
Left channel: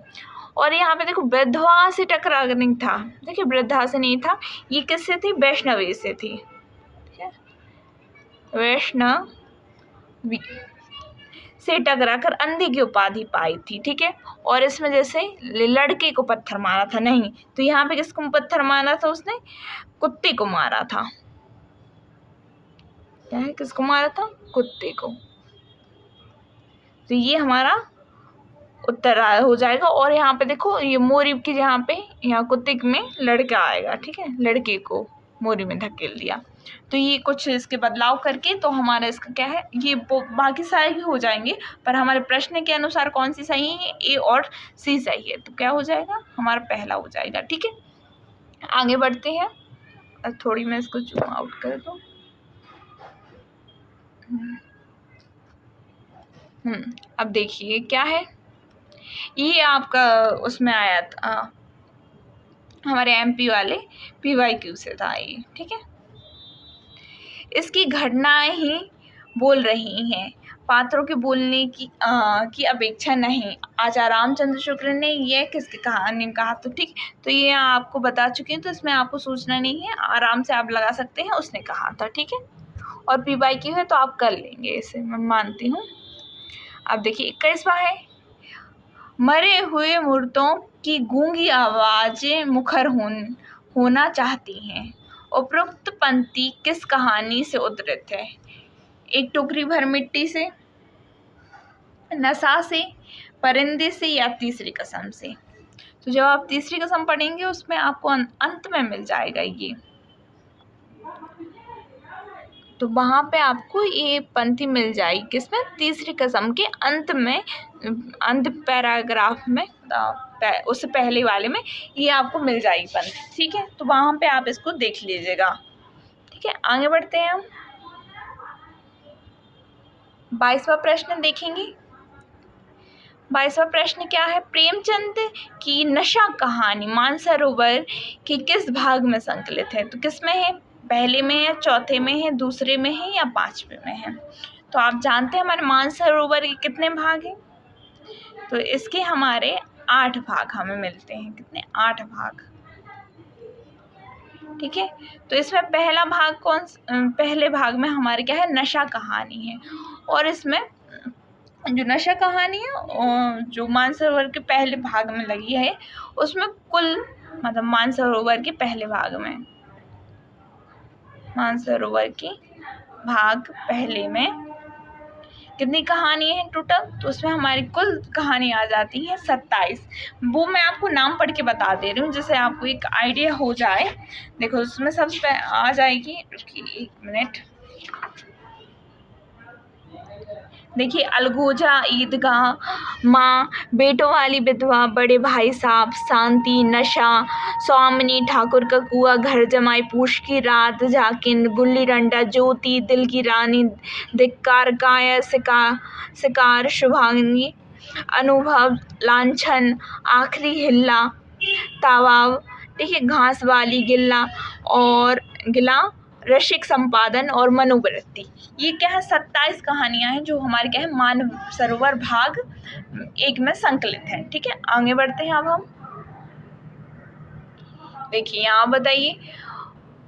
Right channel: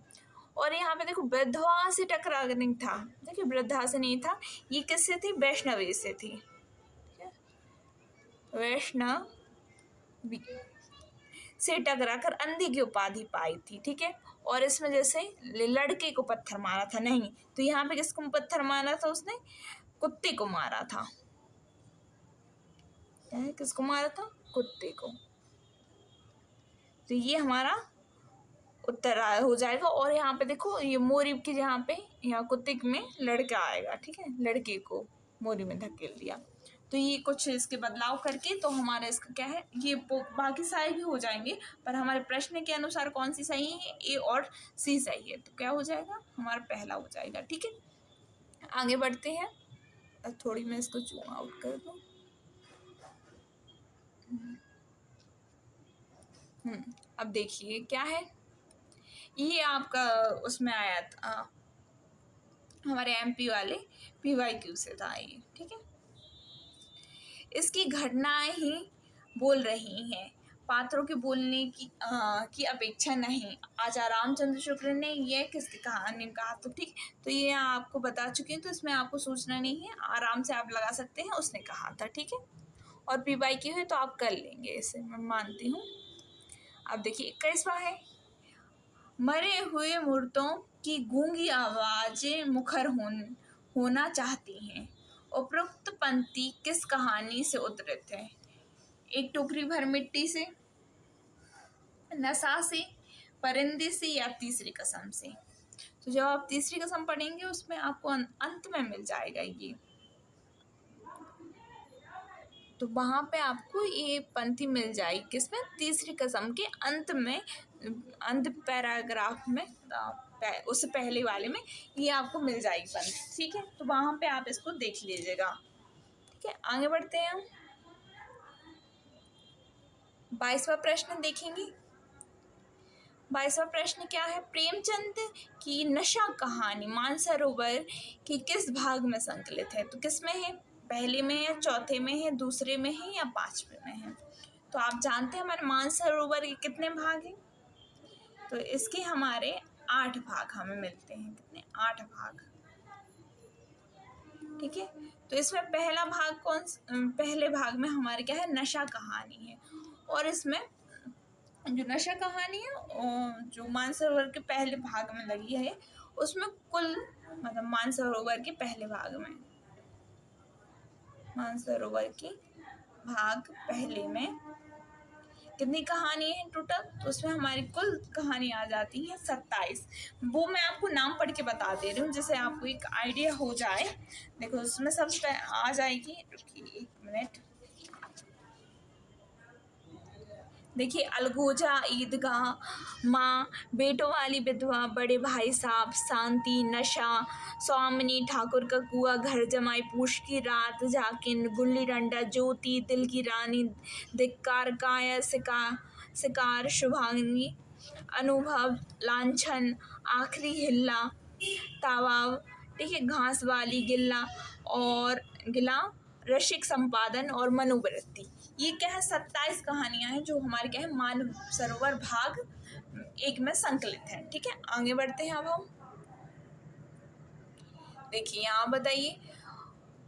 और यहाँ पे देखो वृद्धा से टकरा नहीं था, देखिए वृद्धा से नहीं था, ये किससे थी, वैष्णवी से थी। ठीक है, वैष्णवी से टकराकर अंधे की उपाधि पाई थी। ठीक है, और इसमें जैसे लड़के को पत्थर मारा था, नहीं, तो यहाँ पे किसको पत्थर मारा था, उसने कुत्ते को मारा था। क्या है, किसको मारा था, कुत्ते को। तो ये हमारा उत्तर हो जाएगा। और यहाँ पे देखो ये मोरी की यहाँ पे यहाँ कुत्ते में लड़का आएगा, ठीक है, लड़के को मोरी में धकेल दिया। तो ये कुछ इसके बदलाव करके तो हमारा इसका क्या है, ये बाकी सारे भी हो जाएंगे, पर हमारे प्रश्न के अनुसार कौन सी सही है, ए और सी सही है। तो क्या हो जाएगा, हमारा पहला हो जाएगा। ठीक है, आगे बढ़ते हैं। थोड़ी मैं इसको जूम आउट कर दूँ। अब देखिए क्या है, ये आपका उसमें आया था हमारे एमपी वाले PYQ से था ये। ठीक है, इसकी घटनाएं ही बोल रही हैं, पात्रों के बोलने की अपेक्षा नहीं। आचार्य रामचंद्र शुक्ल ने यह किसकी कहानी में कहा? तो ठीक, तो ये आपको बता चुकी हूँ, तो इसमें आपको सोचना नहीं है, आराम से आप लगा सकते हैं, उसने कहा था। ठीक है, और PYQ है तो आप कर लेंगे, इसे मैं मानती हूँ। अब देखिए 21वां है, मरे हुए मूर्तों की गूंगी आवाजें मुखर होना चाहती हैं। उपरोक्त पंक्ति किस कहानी से उद्धृत है? एक टोकरी भर मिट्टी से, नशा से, परिंदे से, या तीसरी कसम से? तो जब आप तीसरी कसम पढ़ेंगे उसमें आपको अंत में मिल जाएगा ये, तो वहाँ पे आपको ये पंक्ति मिल जाएगी किसमें, तीसरी कसम के अंत में, अंत पैराग्राफ में, उससे पहले वाले में ये आपको मिल जाएगी पंक्ति। ठीक है, तो वहाँ पे आप इसको देख लीजिएगा। ठीक है, आगे बढ़ते हैं हम। 22वां प्रश्न देखेंगे। 22वां प्रश्न क्या है, प्रेमचंद की नशा कहानी मानसरोवर के किस भाग में संकलित है? तो किस में है, पहले में है, चौथे में है, दूसरे में है, या पांचवे में है? तो आप जानते हैं हमारे मानसरोवर के कितने भाग हैं, तो इसके हमारे 8 भाग हमें मिलते हैं। कितने? 8 भाग। ठीक है, तो इसमें पहला भाग पहले भाग में हमारे क्या है, नशा कहानी है। और इसमें जो नशा कहानी है जो मानसरोवर के पहले भाग में लगी है, उसमें कुल मतलब मानसरोवर के पहले भाग में, मानसरोवर के भाग पहले में कितनी कहानी है टोटल? तो उसमें हमारी कुल कहानी आ जाती है 27। वो मैं आपको नाम पढ़ के बता दे रही हूँ जिससे आपको एक आइडिया हो जाए। देखो उसमें सबसे आ जाएगी, एक मिनट, देखिए, अलगोजा, ईदगाह, माँ, बेटों वाली विधवा, बड़े भाई साहब, शांति, नशा, स्वामिनी, ठाकुर का कुआं, घर जमाई, पूछ की रात, झाकिन, गुल्ली डंडा, ज्योति, दिल की रानी, धिक्कार, काया, शिकार, शुभांगी, अनुभव, लांछन, आखिरी हिल्ला, तावाव, ठीक है, घास वाली, गिल्ला और गिला, रसिक, संपादन और मनोवृत्ति। ये क्या है, 27 कहानियां हैं जो हमारे क्या है, मानसरोवर भाग 1 में संकलित है। ठीक है, आगे बढ़ते हैं अब हम। देखिए यहाँ बताइए,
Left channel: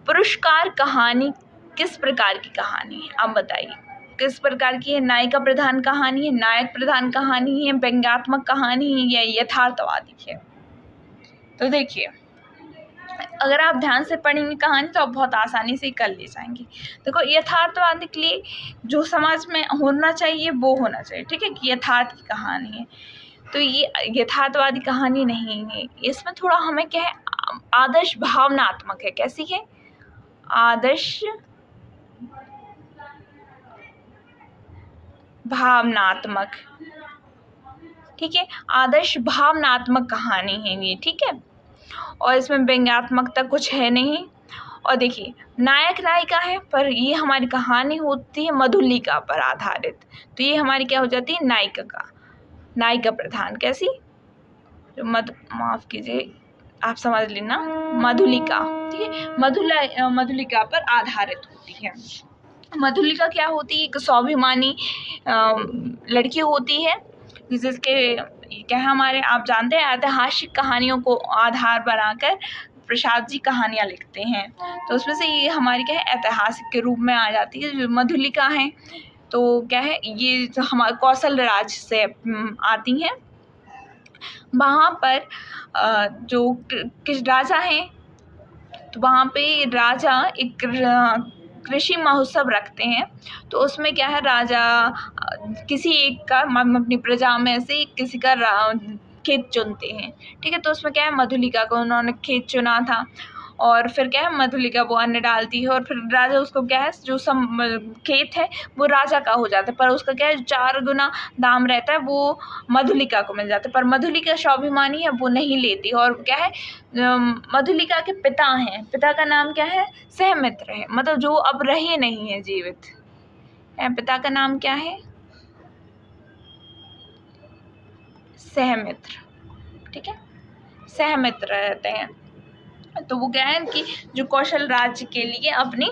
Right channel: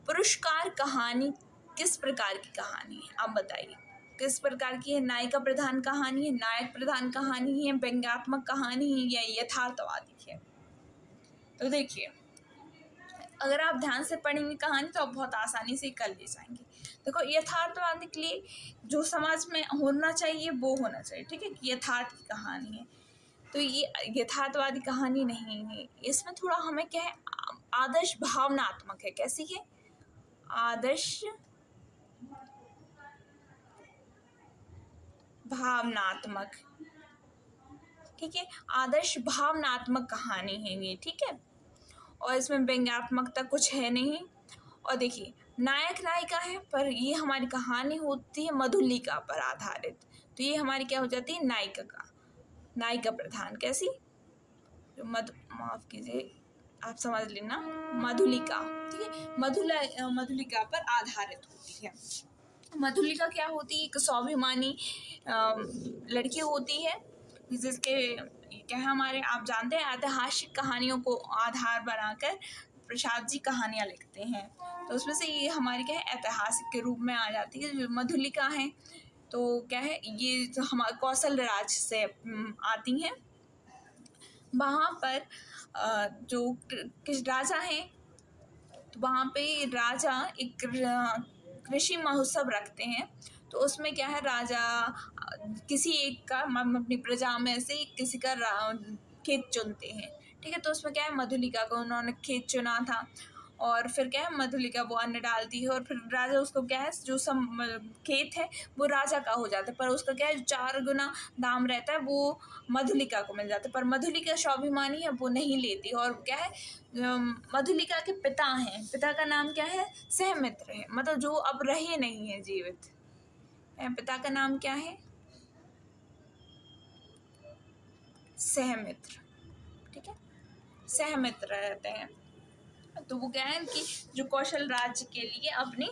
पुरस्कार कहानी किस प्रकार की कहानी है? आप बताइए किस प्रकार की है? नायिका प्रधान कहानी है, नायक प्रधान कहानी है, व्यंग्यात्मक कहानी है, या यथार्थवादी है? तो देखिए, अगर आप ध्यान से पढ़ेंगे कहानी तो आप बहुत आसानी से कर ले जाएंगे। देखो, यथार्थवादी के लिए जो समाज में होना चाहिए वो होना चाहिए। ठीक है, कि यथार्थ की कहानी है, तो ये यथार्थवादी कहानी नहीं है। इसमें थोड़ा हमें क्या है, आदर्श भावनात्मक है। कैसी है? आदर्श भावनात्मक। ठीक है, आदर्श भावनात्मक कहानी है ये। ठीक है, और इसमें व्यंग्यात्मकता कुछ है नहीं। और देखिए, नायक नायिका है, पर ये हमारी कहानी होती है मधुलिका पर आधारित, तो ये हमारी क्या हो जाती है, नायिका प्रधान। कैसी? माफ कीजिए, आप समझ लेना, मधुलिका। ठीक है, मधुलिका पर आधारित होती है। मधुलिका क्या होती है, एक स्वाभिमानी लड़की होती है जिसके क्या है, हमारे आप जानते हैं ऐतिहासिक कहानियों को आधार बनाकर प्रसाद जी कहानियाँ लिखते हैं, तो उसमें से ये हमारी क्या है, ऐतिहासिक के रूप में आ जाती है। जो मधुलिका है तो क्या है, ये जो हमारे कौशल राज्य से आती हैं। वहाँ पर जो किस राजा हैं, तो वहाँ पे राजा एक कृषि महोत्सव रखते हैं। तो उसमें क्या है, राजा किसी एक का अपनी प्रजा में से किसी का खेत चुनते हैं। ठीक है, तो उसमें क्या है, मधुलिका को उन्होंने खेत चुना था और फिर क्या है, मधुलिका वो अन्न डालती है और फिर राजा उसको क्या है, जो खेत है वो राजा का हो जाता है, पर उसका क्या है, 4 गुना दाम रहता है वो मधुलिका को मिल जाता है। पर मधुलिका स्वाभिमानी है, वो नहीं लेती। और क्या है, मधुलिका के पिता हैं, पिता का नाम क्या है, सहमित्र है, मतलब जो अब रहे नहीं है, जीवित है। पिता का नाम क्या है, सहमित्र। ठीक है, सहमित्र रहते हैं। तो वो क्या है कि जो कौशल राज्य के लिए अपनी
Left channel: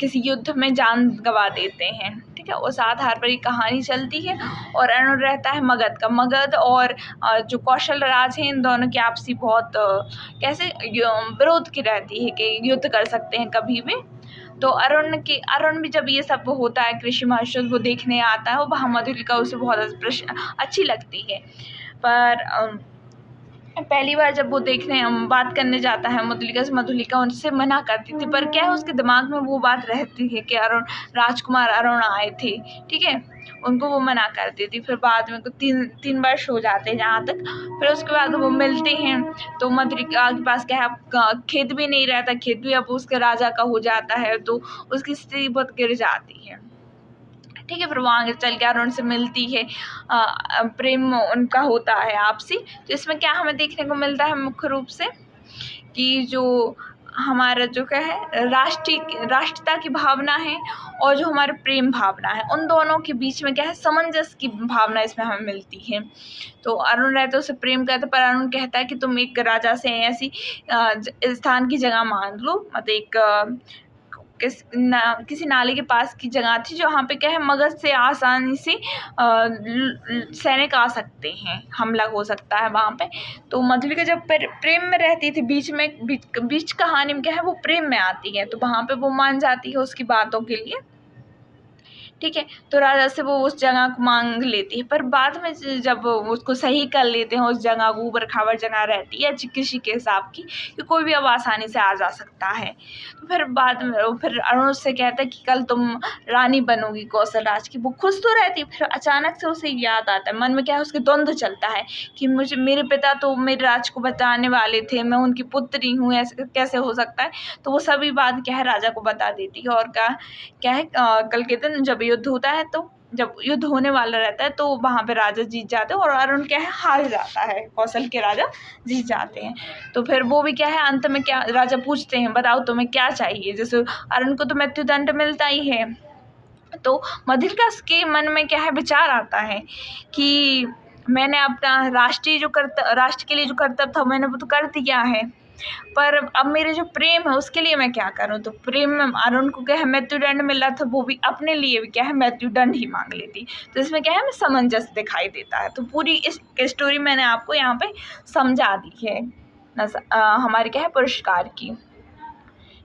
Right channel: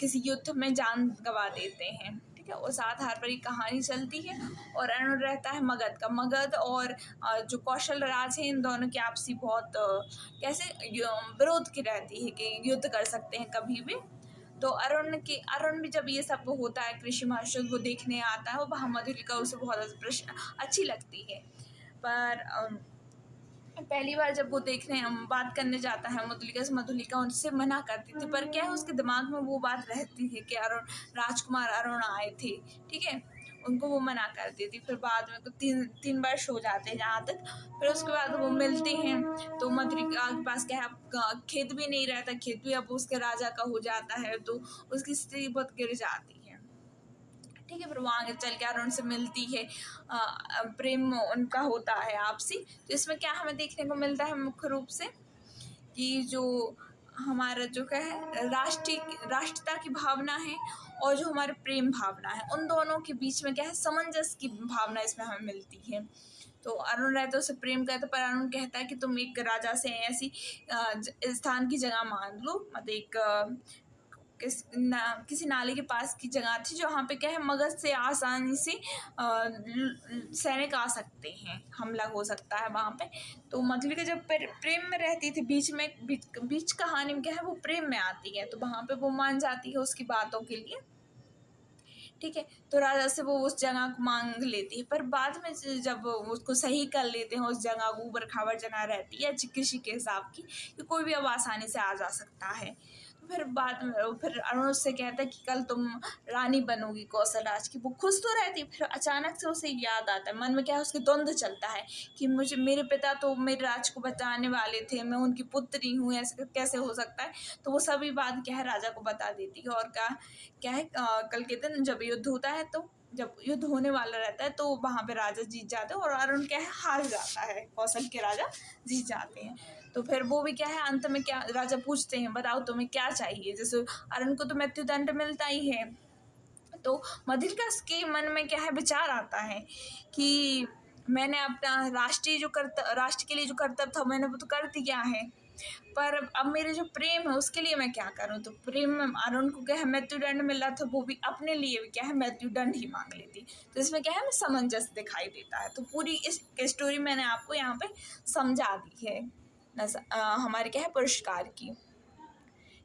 किसी युद्ध में जान गंवा देते हैं। ठीक है, उस आधार पर ये कहानी चलती है। और अरुण रहता है मगध का। मगध और जो कौशल राज है, इन दोनों की आपसी बहुत कैसे विरोध की रहती है कि युद्ध कर सकते हैं कभी भी। तो अरुण भी जब ये सब होता है, कृषि महोत्सव वो देखने आता है, वो वहाँ मधुलिका उसे बहुत अच्छी लगती है। पर पहली बार जब वो देखने बात करने जाता है मधुलिका से, मधुलिका उनसे मना करती थी। पर क्या है, उसके दिमाग में वो बात रहती है कि अरुण, राजकुमार अरुण आए थे। ठीक है, उनको वो मना कर देती। फिर बाद में तीन वर्ष हो जाते हैं जहाँ तक। फिर उसके बाद वो मिलते हैं। तो मधुलिका के पास क्या है, खेत भी नहीं रहता, खेत भी अब उसके राजा का हो जाता है। तो उसकी स्थिति बहुत गिर जाती है। ठीक है, फिर वो आगे चल के अरुण से मिलती है, प्रेम उनका होता है आपसी। तो इसमें क्या हमें देखने को मिलता है मुख्य रूप से कि जो हमारा जो क्या है, राष्ट्रीयता की भावना है और जो हमारे प्रेम भावना है, उन दोनों के बीच में क्या है, सामंजस्य की भावना इसमें हमें मिलती है। तो अरुण रहता है, उसे प्रेम करता है, पर अरुण कहता है कि तुम एक राजा से ऐसी स्थान की जगह मांग लो, मतलब एक किसी नाले के पास की जगह थी जहाँ पे क्या है, मगध से आसानी से सैनिक आ सकते हैं, हमला हो सकता है वहाँ पे। तो मधुलिका जब प्रेम में रहती थी, बीच कहानी में क्या है, वो प्रेम में आती है, तो वहाँ पे वो मान जाती है उसकी बातों के लिए। ठीक है, तो राजा से वो उस जगह को मांग लेती है। पर बाद में जब वो उसको सही कर लेते हैं, उस जगह को, ऊबड़ खाबड़ जगह रहती है कृषि के हिसाब की, कि कोई भी अब आसानी से आ जा सकता है। तो फिर बाद में फिर अरुण उससे कहता है कि कल तुम रानी बनोगी कौशल राज की। वो खुश तो रहती है, फिर अचानक से उसे याद आता है, मन में क्या है, उसके द्वंद्व चलता है कि मेरे पिता तो मेरे राज को बचाने वाले थे, मैं उनकी पुत्री हूँ, ऐसे कैसे हो सकता है। तो वो सभी बात क्या है, राजा को बता देती है। और क्या है, कल के दिन जब युद्ध होता है, तो जब युद्ध होने वाला रहता है, तो वहाँ पे राजा जीत जाते हैं और अरुण क्या है, हार जाता है, कौशल के राजा जीत जाते हैं। तो फिर वो भी क्या है, अंत में क्या, राजा पूछते हैं बताओ तुम्हें क्या चाहिए। जैसे अरुण को तो मृत्युदंड मिलता ही है, तो मधुलिका के मन में क्या है, विचार आता है कि मैंने अपना राष्ट्र के लिए जो कर्तव्य था, मैंने वो तो कर दिया है, पर अब मेरे जो प्रेम है उसके लिए मैं क्या करूं। तो प्रेम में अरुण को क्या है, मृत्युदंड मिला था, वो भी अपने लिए भी क्या है, मृत्युदंड ही मांग लेती। तो इसमें क्या है, हमें सामंजस्य दिखाई देता है। तो पूरी इस स्टोरी मैंने आपको यहाँ पे समझा दी है हमारे क्या है, पुरस्कार की।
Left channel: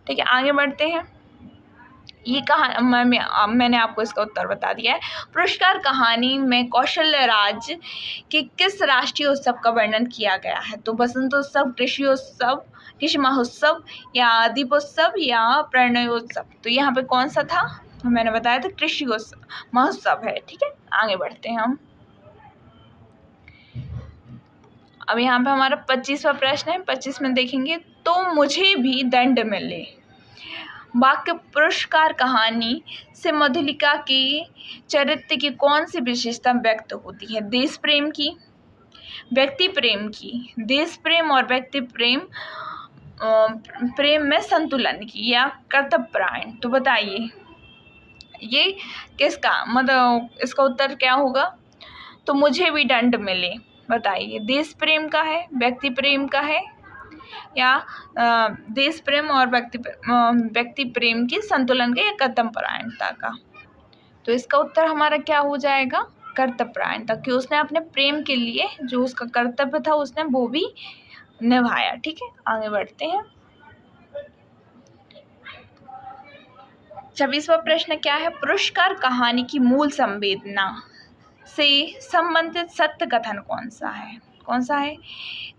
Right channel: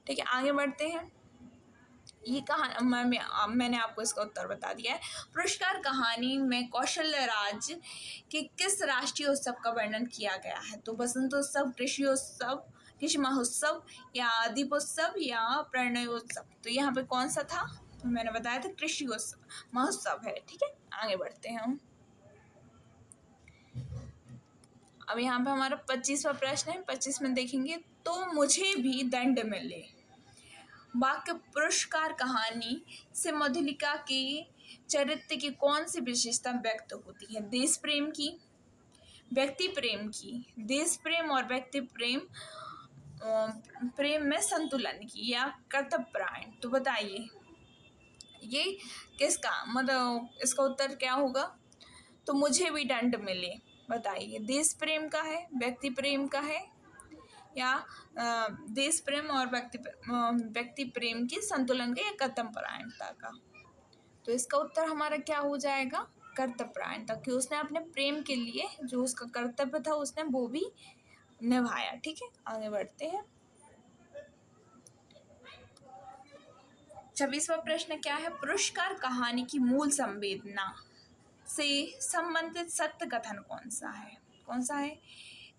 ठीक है, आगे बढ़ते हैं। ये मैंने आपको इसका उत्तर बता दिया है। पुरस्कार कहानी में कौशल्य राज के किस राष्ट्रीय उत्सव का वर्णन किया गया है। तो बसंतोत्सव, कृषि महोत्सव, या दीपोत्सव, या प्रणयोत्सव। तो यहाँ पे कौन सा था, मैंने बताया था कृषि महोत्सव है। ठीक है, आगे बढ़ते हैं हम। अब यहाँ पे हमारा 25वां प्रश्न है। 25 में देखेंगे, तो मुझे भी दंड मिले। वाक्य पुरस्कार कहानी से मधुलिका के चरित्र की कौन सी विशेषता व्यक्त होती है। देश प्रेम की, व्यक्ति प्रेम की, देश प्रेम और व्यक्ति प्रेम प्रेम में संतुलन की, या कर्तव्यपरायण। तो बताइए ये किसका, मतलब इसका उत्तर क्या होगा। तो मुझे भी दंड मिले, बताइए देश प्रेम का है, व्यक्ति प्रेम का है, या देश प्रेम और व्यक्ति प्रेम की संतुलन का, या कर्तव्यपरायणता का। तो इसका उत्तर हमारा क्या हो जाएगा, कर्तव्यपरायणता, कि उसने अपने प्रेम के लिए जो उसका कर्तव्य था उसने वो भी निभाया। ठीक है, आगे बढ़ते हैं। 26वां प्रश्न क्या है, पुरस्कार कहानी की मूल संवेदना से संबंधित सत्य कथन कौन सा है। कौन सा है,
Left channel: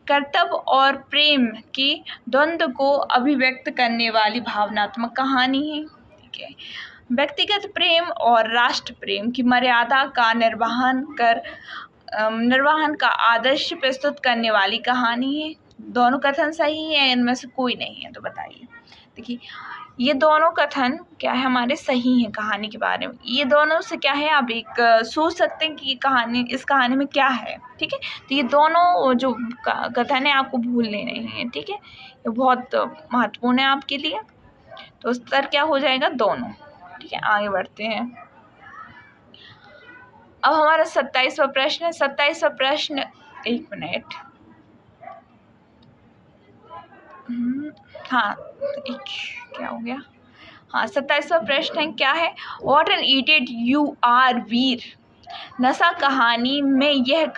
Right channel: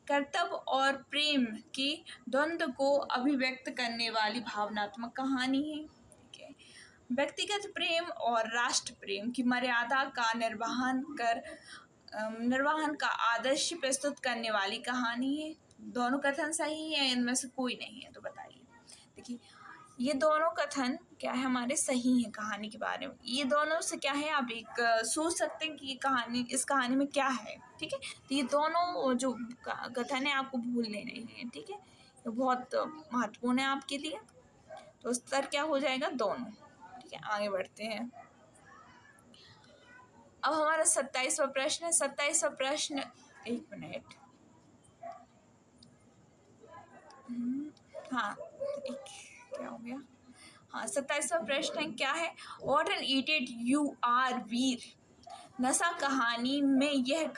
कर्तव्य और प्रेम के द्वंद्व को अभिव्यक्त करने वाली भावनात्मक कहानी है। ठीक है, व्यक्तिगत प्रेम और राष्ट्र प्रेम की मर्यादा का निर्वहन का आदर्श प्रस्तुत करने वाली कहानी है। दोनों कथन सही है, इनमें से कोई नहीं है, तो बताइए। देखिए, ये दोनों कथन क्या है हमारे सही हैं कहानी के बारे में। ये दोनों से क्या है, आप एक सोच सकते हैं कि ये कहानी, इस कहानी में क्या है। ठीक है, तो ये दोनों जो कथन है आपको भूलने नहीं है। ठीक है, ये बहुत महत्वपूर्ण है आपके लिए। तो उत्तर क्या हो जाएगा, दोनों। ठीक है, आगे बढ़ते हैं। अब हमारा 27वां प्रश्न है। 27वां प्रश्न, एक मिनट, हाँ, एक, क्या हो गया, हाँ, 27वां प्रश्न है, क्या है, what an idiot you are Veer. नशा कहानी में यह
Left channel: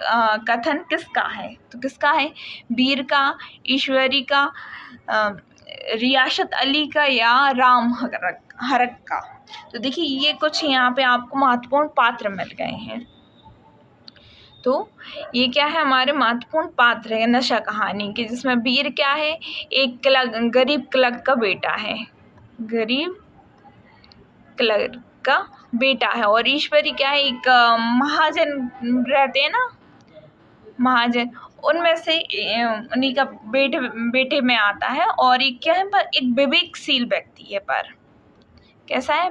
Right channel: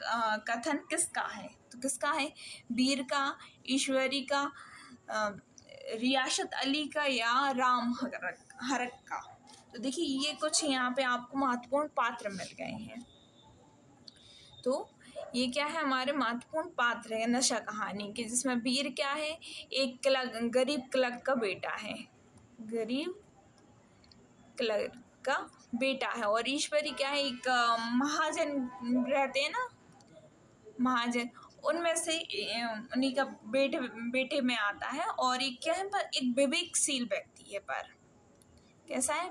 कथन किसका है, तो किसका है, वीर का, ईश्वरी का, रियासत अली का, या राम हरक का। तो देखिए, ये कुछ यहाँ पे आपको महत्वपूर्ण पात्र मिल गए हैं। तो ये क्या है, हमारे महत्वपूर्ण पात्र है नशा कहानी के, जिसमें वीर क्या है, एक गरीब क्लर्क का बेटा है, गरीब क्लर्क का बेटा है। और ईश्वरी क्या है, एक महाजन रहते हैं ना, महाजन, उनमें से उन्हीं का बेटे में आता है। और एक क्या है, पर एक विवेकशील व्यक्ति है, पर कैसा है,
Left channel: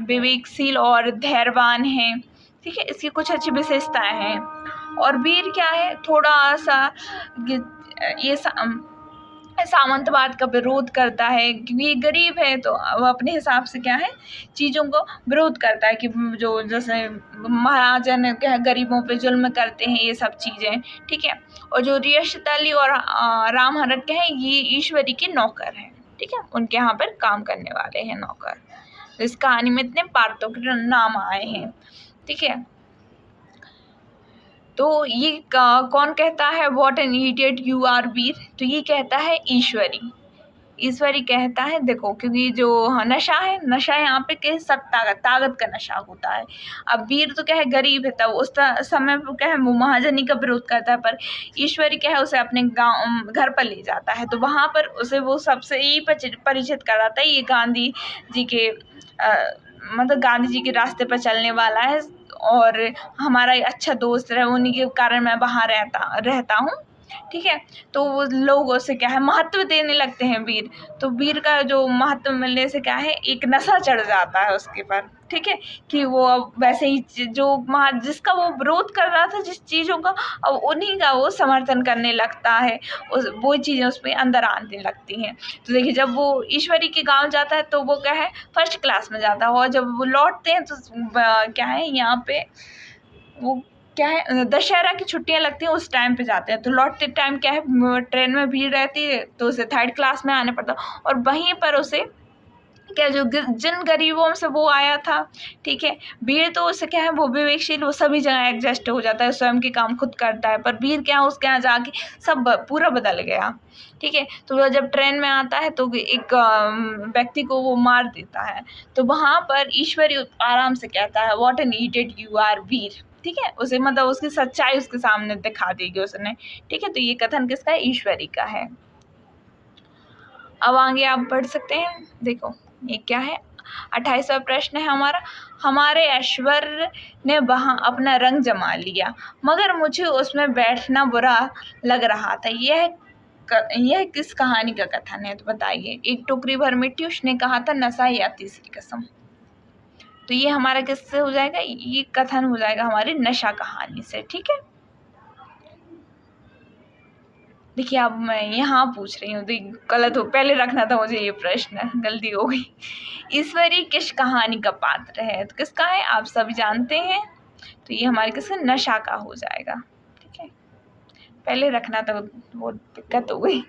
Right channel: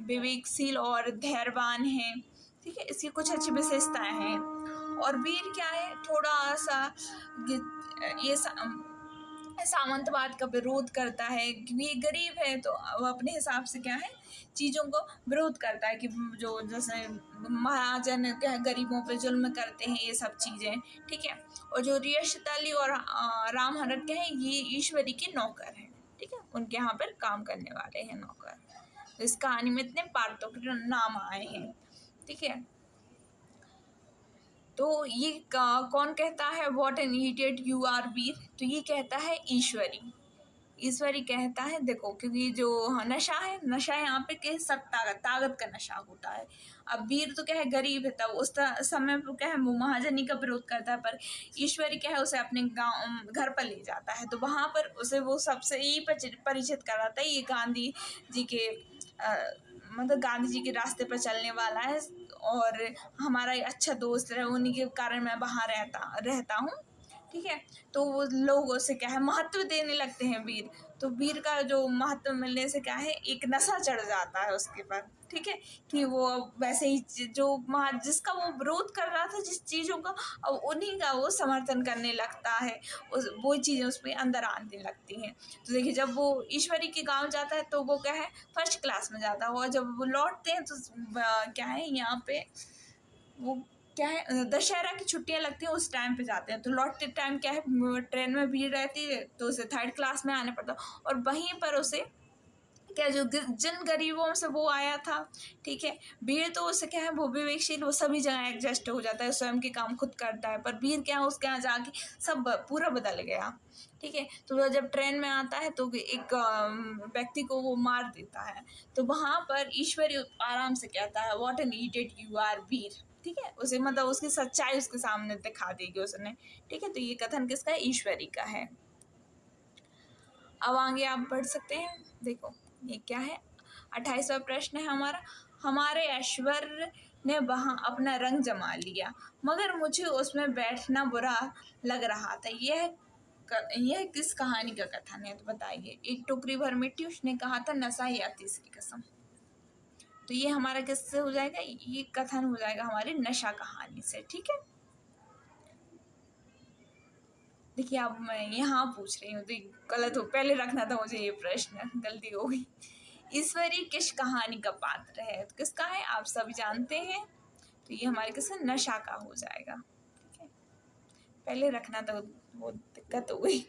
विवेकशील और धैर्यवान है। ठीक है, इसकी कुछ अच्छी विशेषताएं हैं। और वीर क्या है, थोड़ा सा ये सामंतवाद का विरोध करता है, क्योंकि ये गरीब है तो वो अपने हिसाब से क्या है, चीज़ों को विरोध करता है कि जो जैसे महाराजन क्या है, गरीबों पे जुल्म करते हैं, ये सब चीज़ें। ठीक है, और जो रियासत अली और राम हरक के हैं, ये ईश्वरी के नौकर हैं। ठीक है, उनके यहाँ पर काम करने वाले हैं नौकर। तो इस कहानी में इतने पात्रों के नाम आए हैं। ठीक है, तो ये कौन कहता है, what an idiot you are Veer, तो ये कहता है ईश्वरी। ईश्वरी कहता है, देखो, क्योंकि जो नशा है, नशा यहाँ पे क्या है, सत्ता का, ताकत का नशा होता है। अब वीर तो क्या है, गरीब है, तब उस समय पर क्या है, वो महाजनी का विरोध करता है, पर ईश्वरी क्या है, उसे अपने गाँव घर पर ले जाता है। तो वहाँ पर उसे वो सबसे यही परिचित कराता है, ये गांधी जी के मतलब गांधी जी के रास्ते पर चलने वाला है, और हमारा एक अच्छा दोस्त है, उन्हीं के कारण मैं वहाँ रहता हूँ। ठीक है, तो वो लोग उसे क्या है, महत्व देने लगते हैं वीर। तो वीर का जो महत्व मिलने से क्या है, एक नशा चढ़ जाता है उसके पर। ठीक है, कि वो अब वैसे ही जिसका वो विरोध कर रहा था, जिस चीज़ों का, अब उन्हीं का वो समर्थन करने लगता है, वो चीज़ें उस पर अंदर आने लगती हैं। तो देखिए, जब वो ईश्वरी के गांव जाता है तो वो क्या है, फर्स्ट क्लास में जाता है, और जब वो लौटते हैं तो क्या है, यहाँ पे वो क्या है, दशहरा की छुट्टियां लगती हैं, उस टाइम पे जाते हैं। तो लौटते टाइम क्या है, ट्रेन में भीड़ रहती है, तो उसे थर्ड क्लास में आने पड़ता, और वहीं पर उसे क्या, जो जिन गरीबों से वो आया था, ठीक है, वीर तो उसे क्या है, वो विवेकशील, वो सभी जगह एडजस्ट हो जाता है, स्वयं के काम खुद करता है। पर वीर क्या है, उसके यहाँ जाके सब पूरा बदल गया। ठीक है, तो वह जब ट्रेन में आता है तो एक व्यक्ति को वो मार देता है। तो वहाँ पर ईश्वरी आराम से कहता है, what an idiot you are Veer. ठीक है, उसे मतलब उसकी सच्चाई उसके सामने दिखा देगी उसने। ठीक है, तो ये कथन किसका है, ईश्वरी का है। अब आगे आप बढ़ सकते हैं। देखो, ये क्या है, 28वां प्रश्न है हमारा, हमारे ऐश्वर्य ने वहाँ अपना रंग जमा लिया, मगर मुझे उसमें बैठना बुरा लग रहा था। यह किस कहानी का कथन है, तो बताइए। एक टोकरी भर मिट्टी, उसने कहा था नशा या तीसरी कसम। तो ये हमारा किससे हो जाएगा, ये कथन हो जाएगा हमारी नशा कहानी से। ठीक है, देखिए, अब मैं यहाँ पूछ रही हूँ, तो गलत हो, पहले रखना था मुझे ये प्रश्न, गलती हो गई। ईश्वरी किस कहानी का पात्र है, तो किसका है, आप सभी जानते हैं। तो ये हमारे किसका, नशा का हो जाएगा। ठीक है, पहले रखना था, वो दिक्कत हो गई।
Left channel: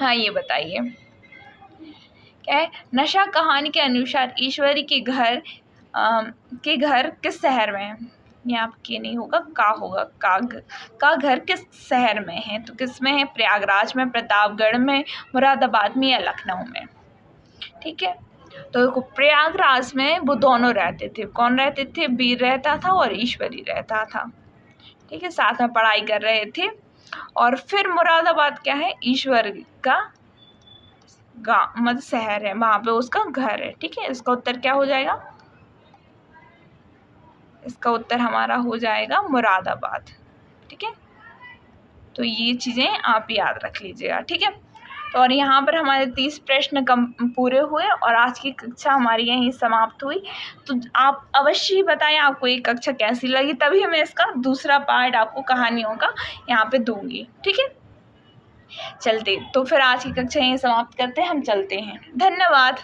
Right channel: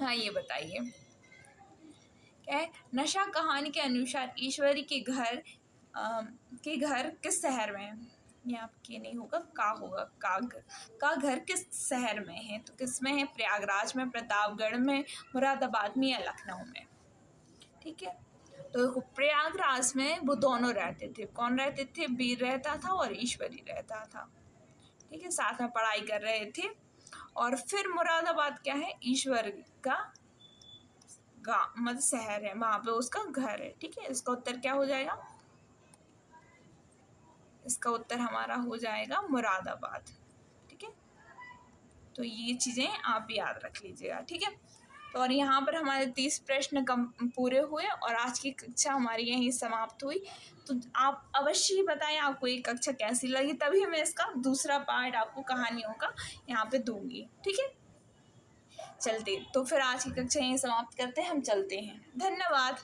हाँ, ये बताइए, क्या है, नशा कहानी के अनुसार ईश्वरी के घर किस शहर में है। ये आपके नहीं होगा, होगा का घर किस शहर में है, तो किस में है, प्रयागराज में, प्रतापगढ़ में, मुरादाबाद में, या लखनऊ में। ठीक है, तो देखो, प्रयागराज में वो दोनों रहते थे। कौन रहते थे, वीर रहता था और ईश्वरी रहता था। ठीक है, साथ में पढ़ाई कर रहे थे। और फिर मुरादाबाद क्या है, ईश्वर का गाँव मतलब शहर है, वहाँ पे उसका घर है। ठीक है, इसका उत्तर क्या हो जाएगा? इसका उत्तर हमारा हो जाएगा मुरादाबाद। ठीक है, तो ये चीज़ें आप याद रख लीजिएगा। ठीक है, तो और यहाँ पर हमारे 30 प्रश्न कम पूरे हुए और आज की कक्षा हमारी यहीं समाप्त हुई। तो आप अवश्य ही बताएं आपको ये कक्षा कैसी लगी, तभी मैं इसका दूसरा पार्ट आपको कहानियों का यहाँ पे दूंगी। ठीक है, चलते तो फिर आज की कक्षा यहीं समाप्त करते हैं, हम चलते हैं। धन्यवाद।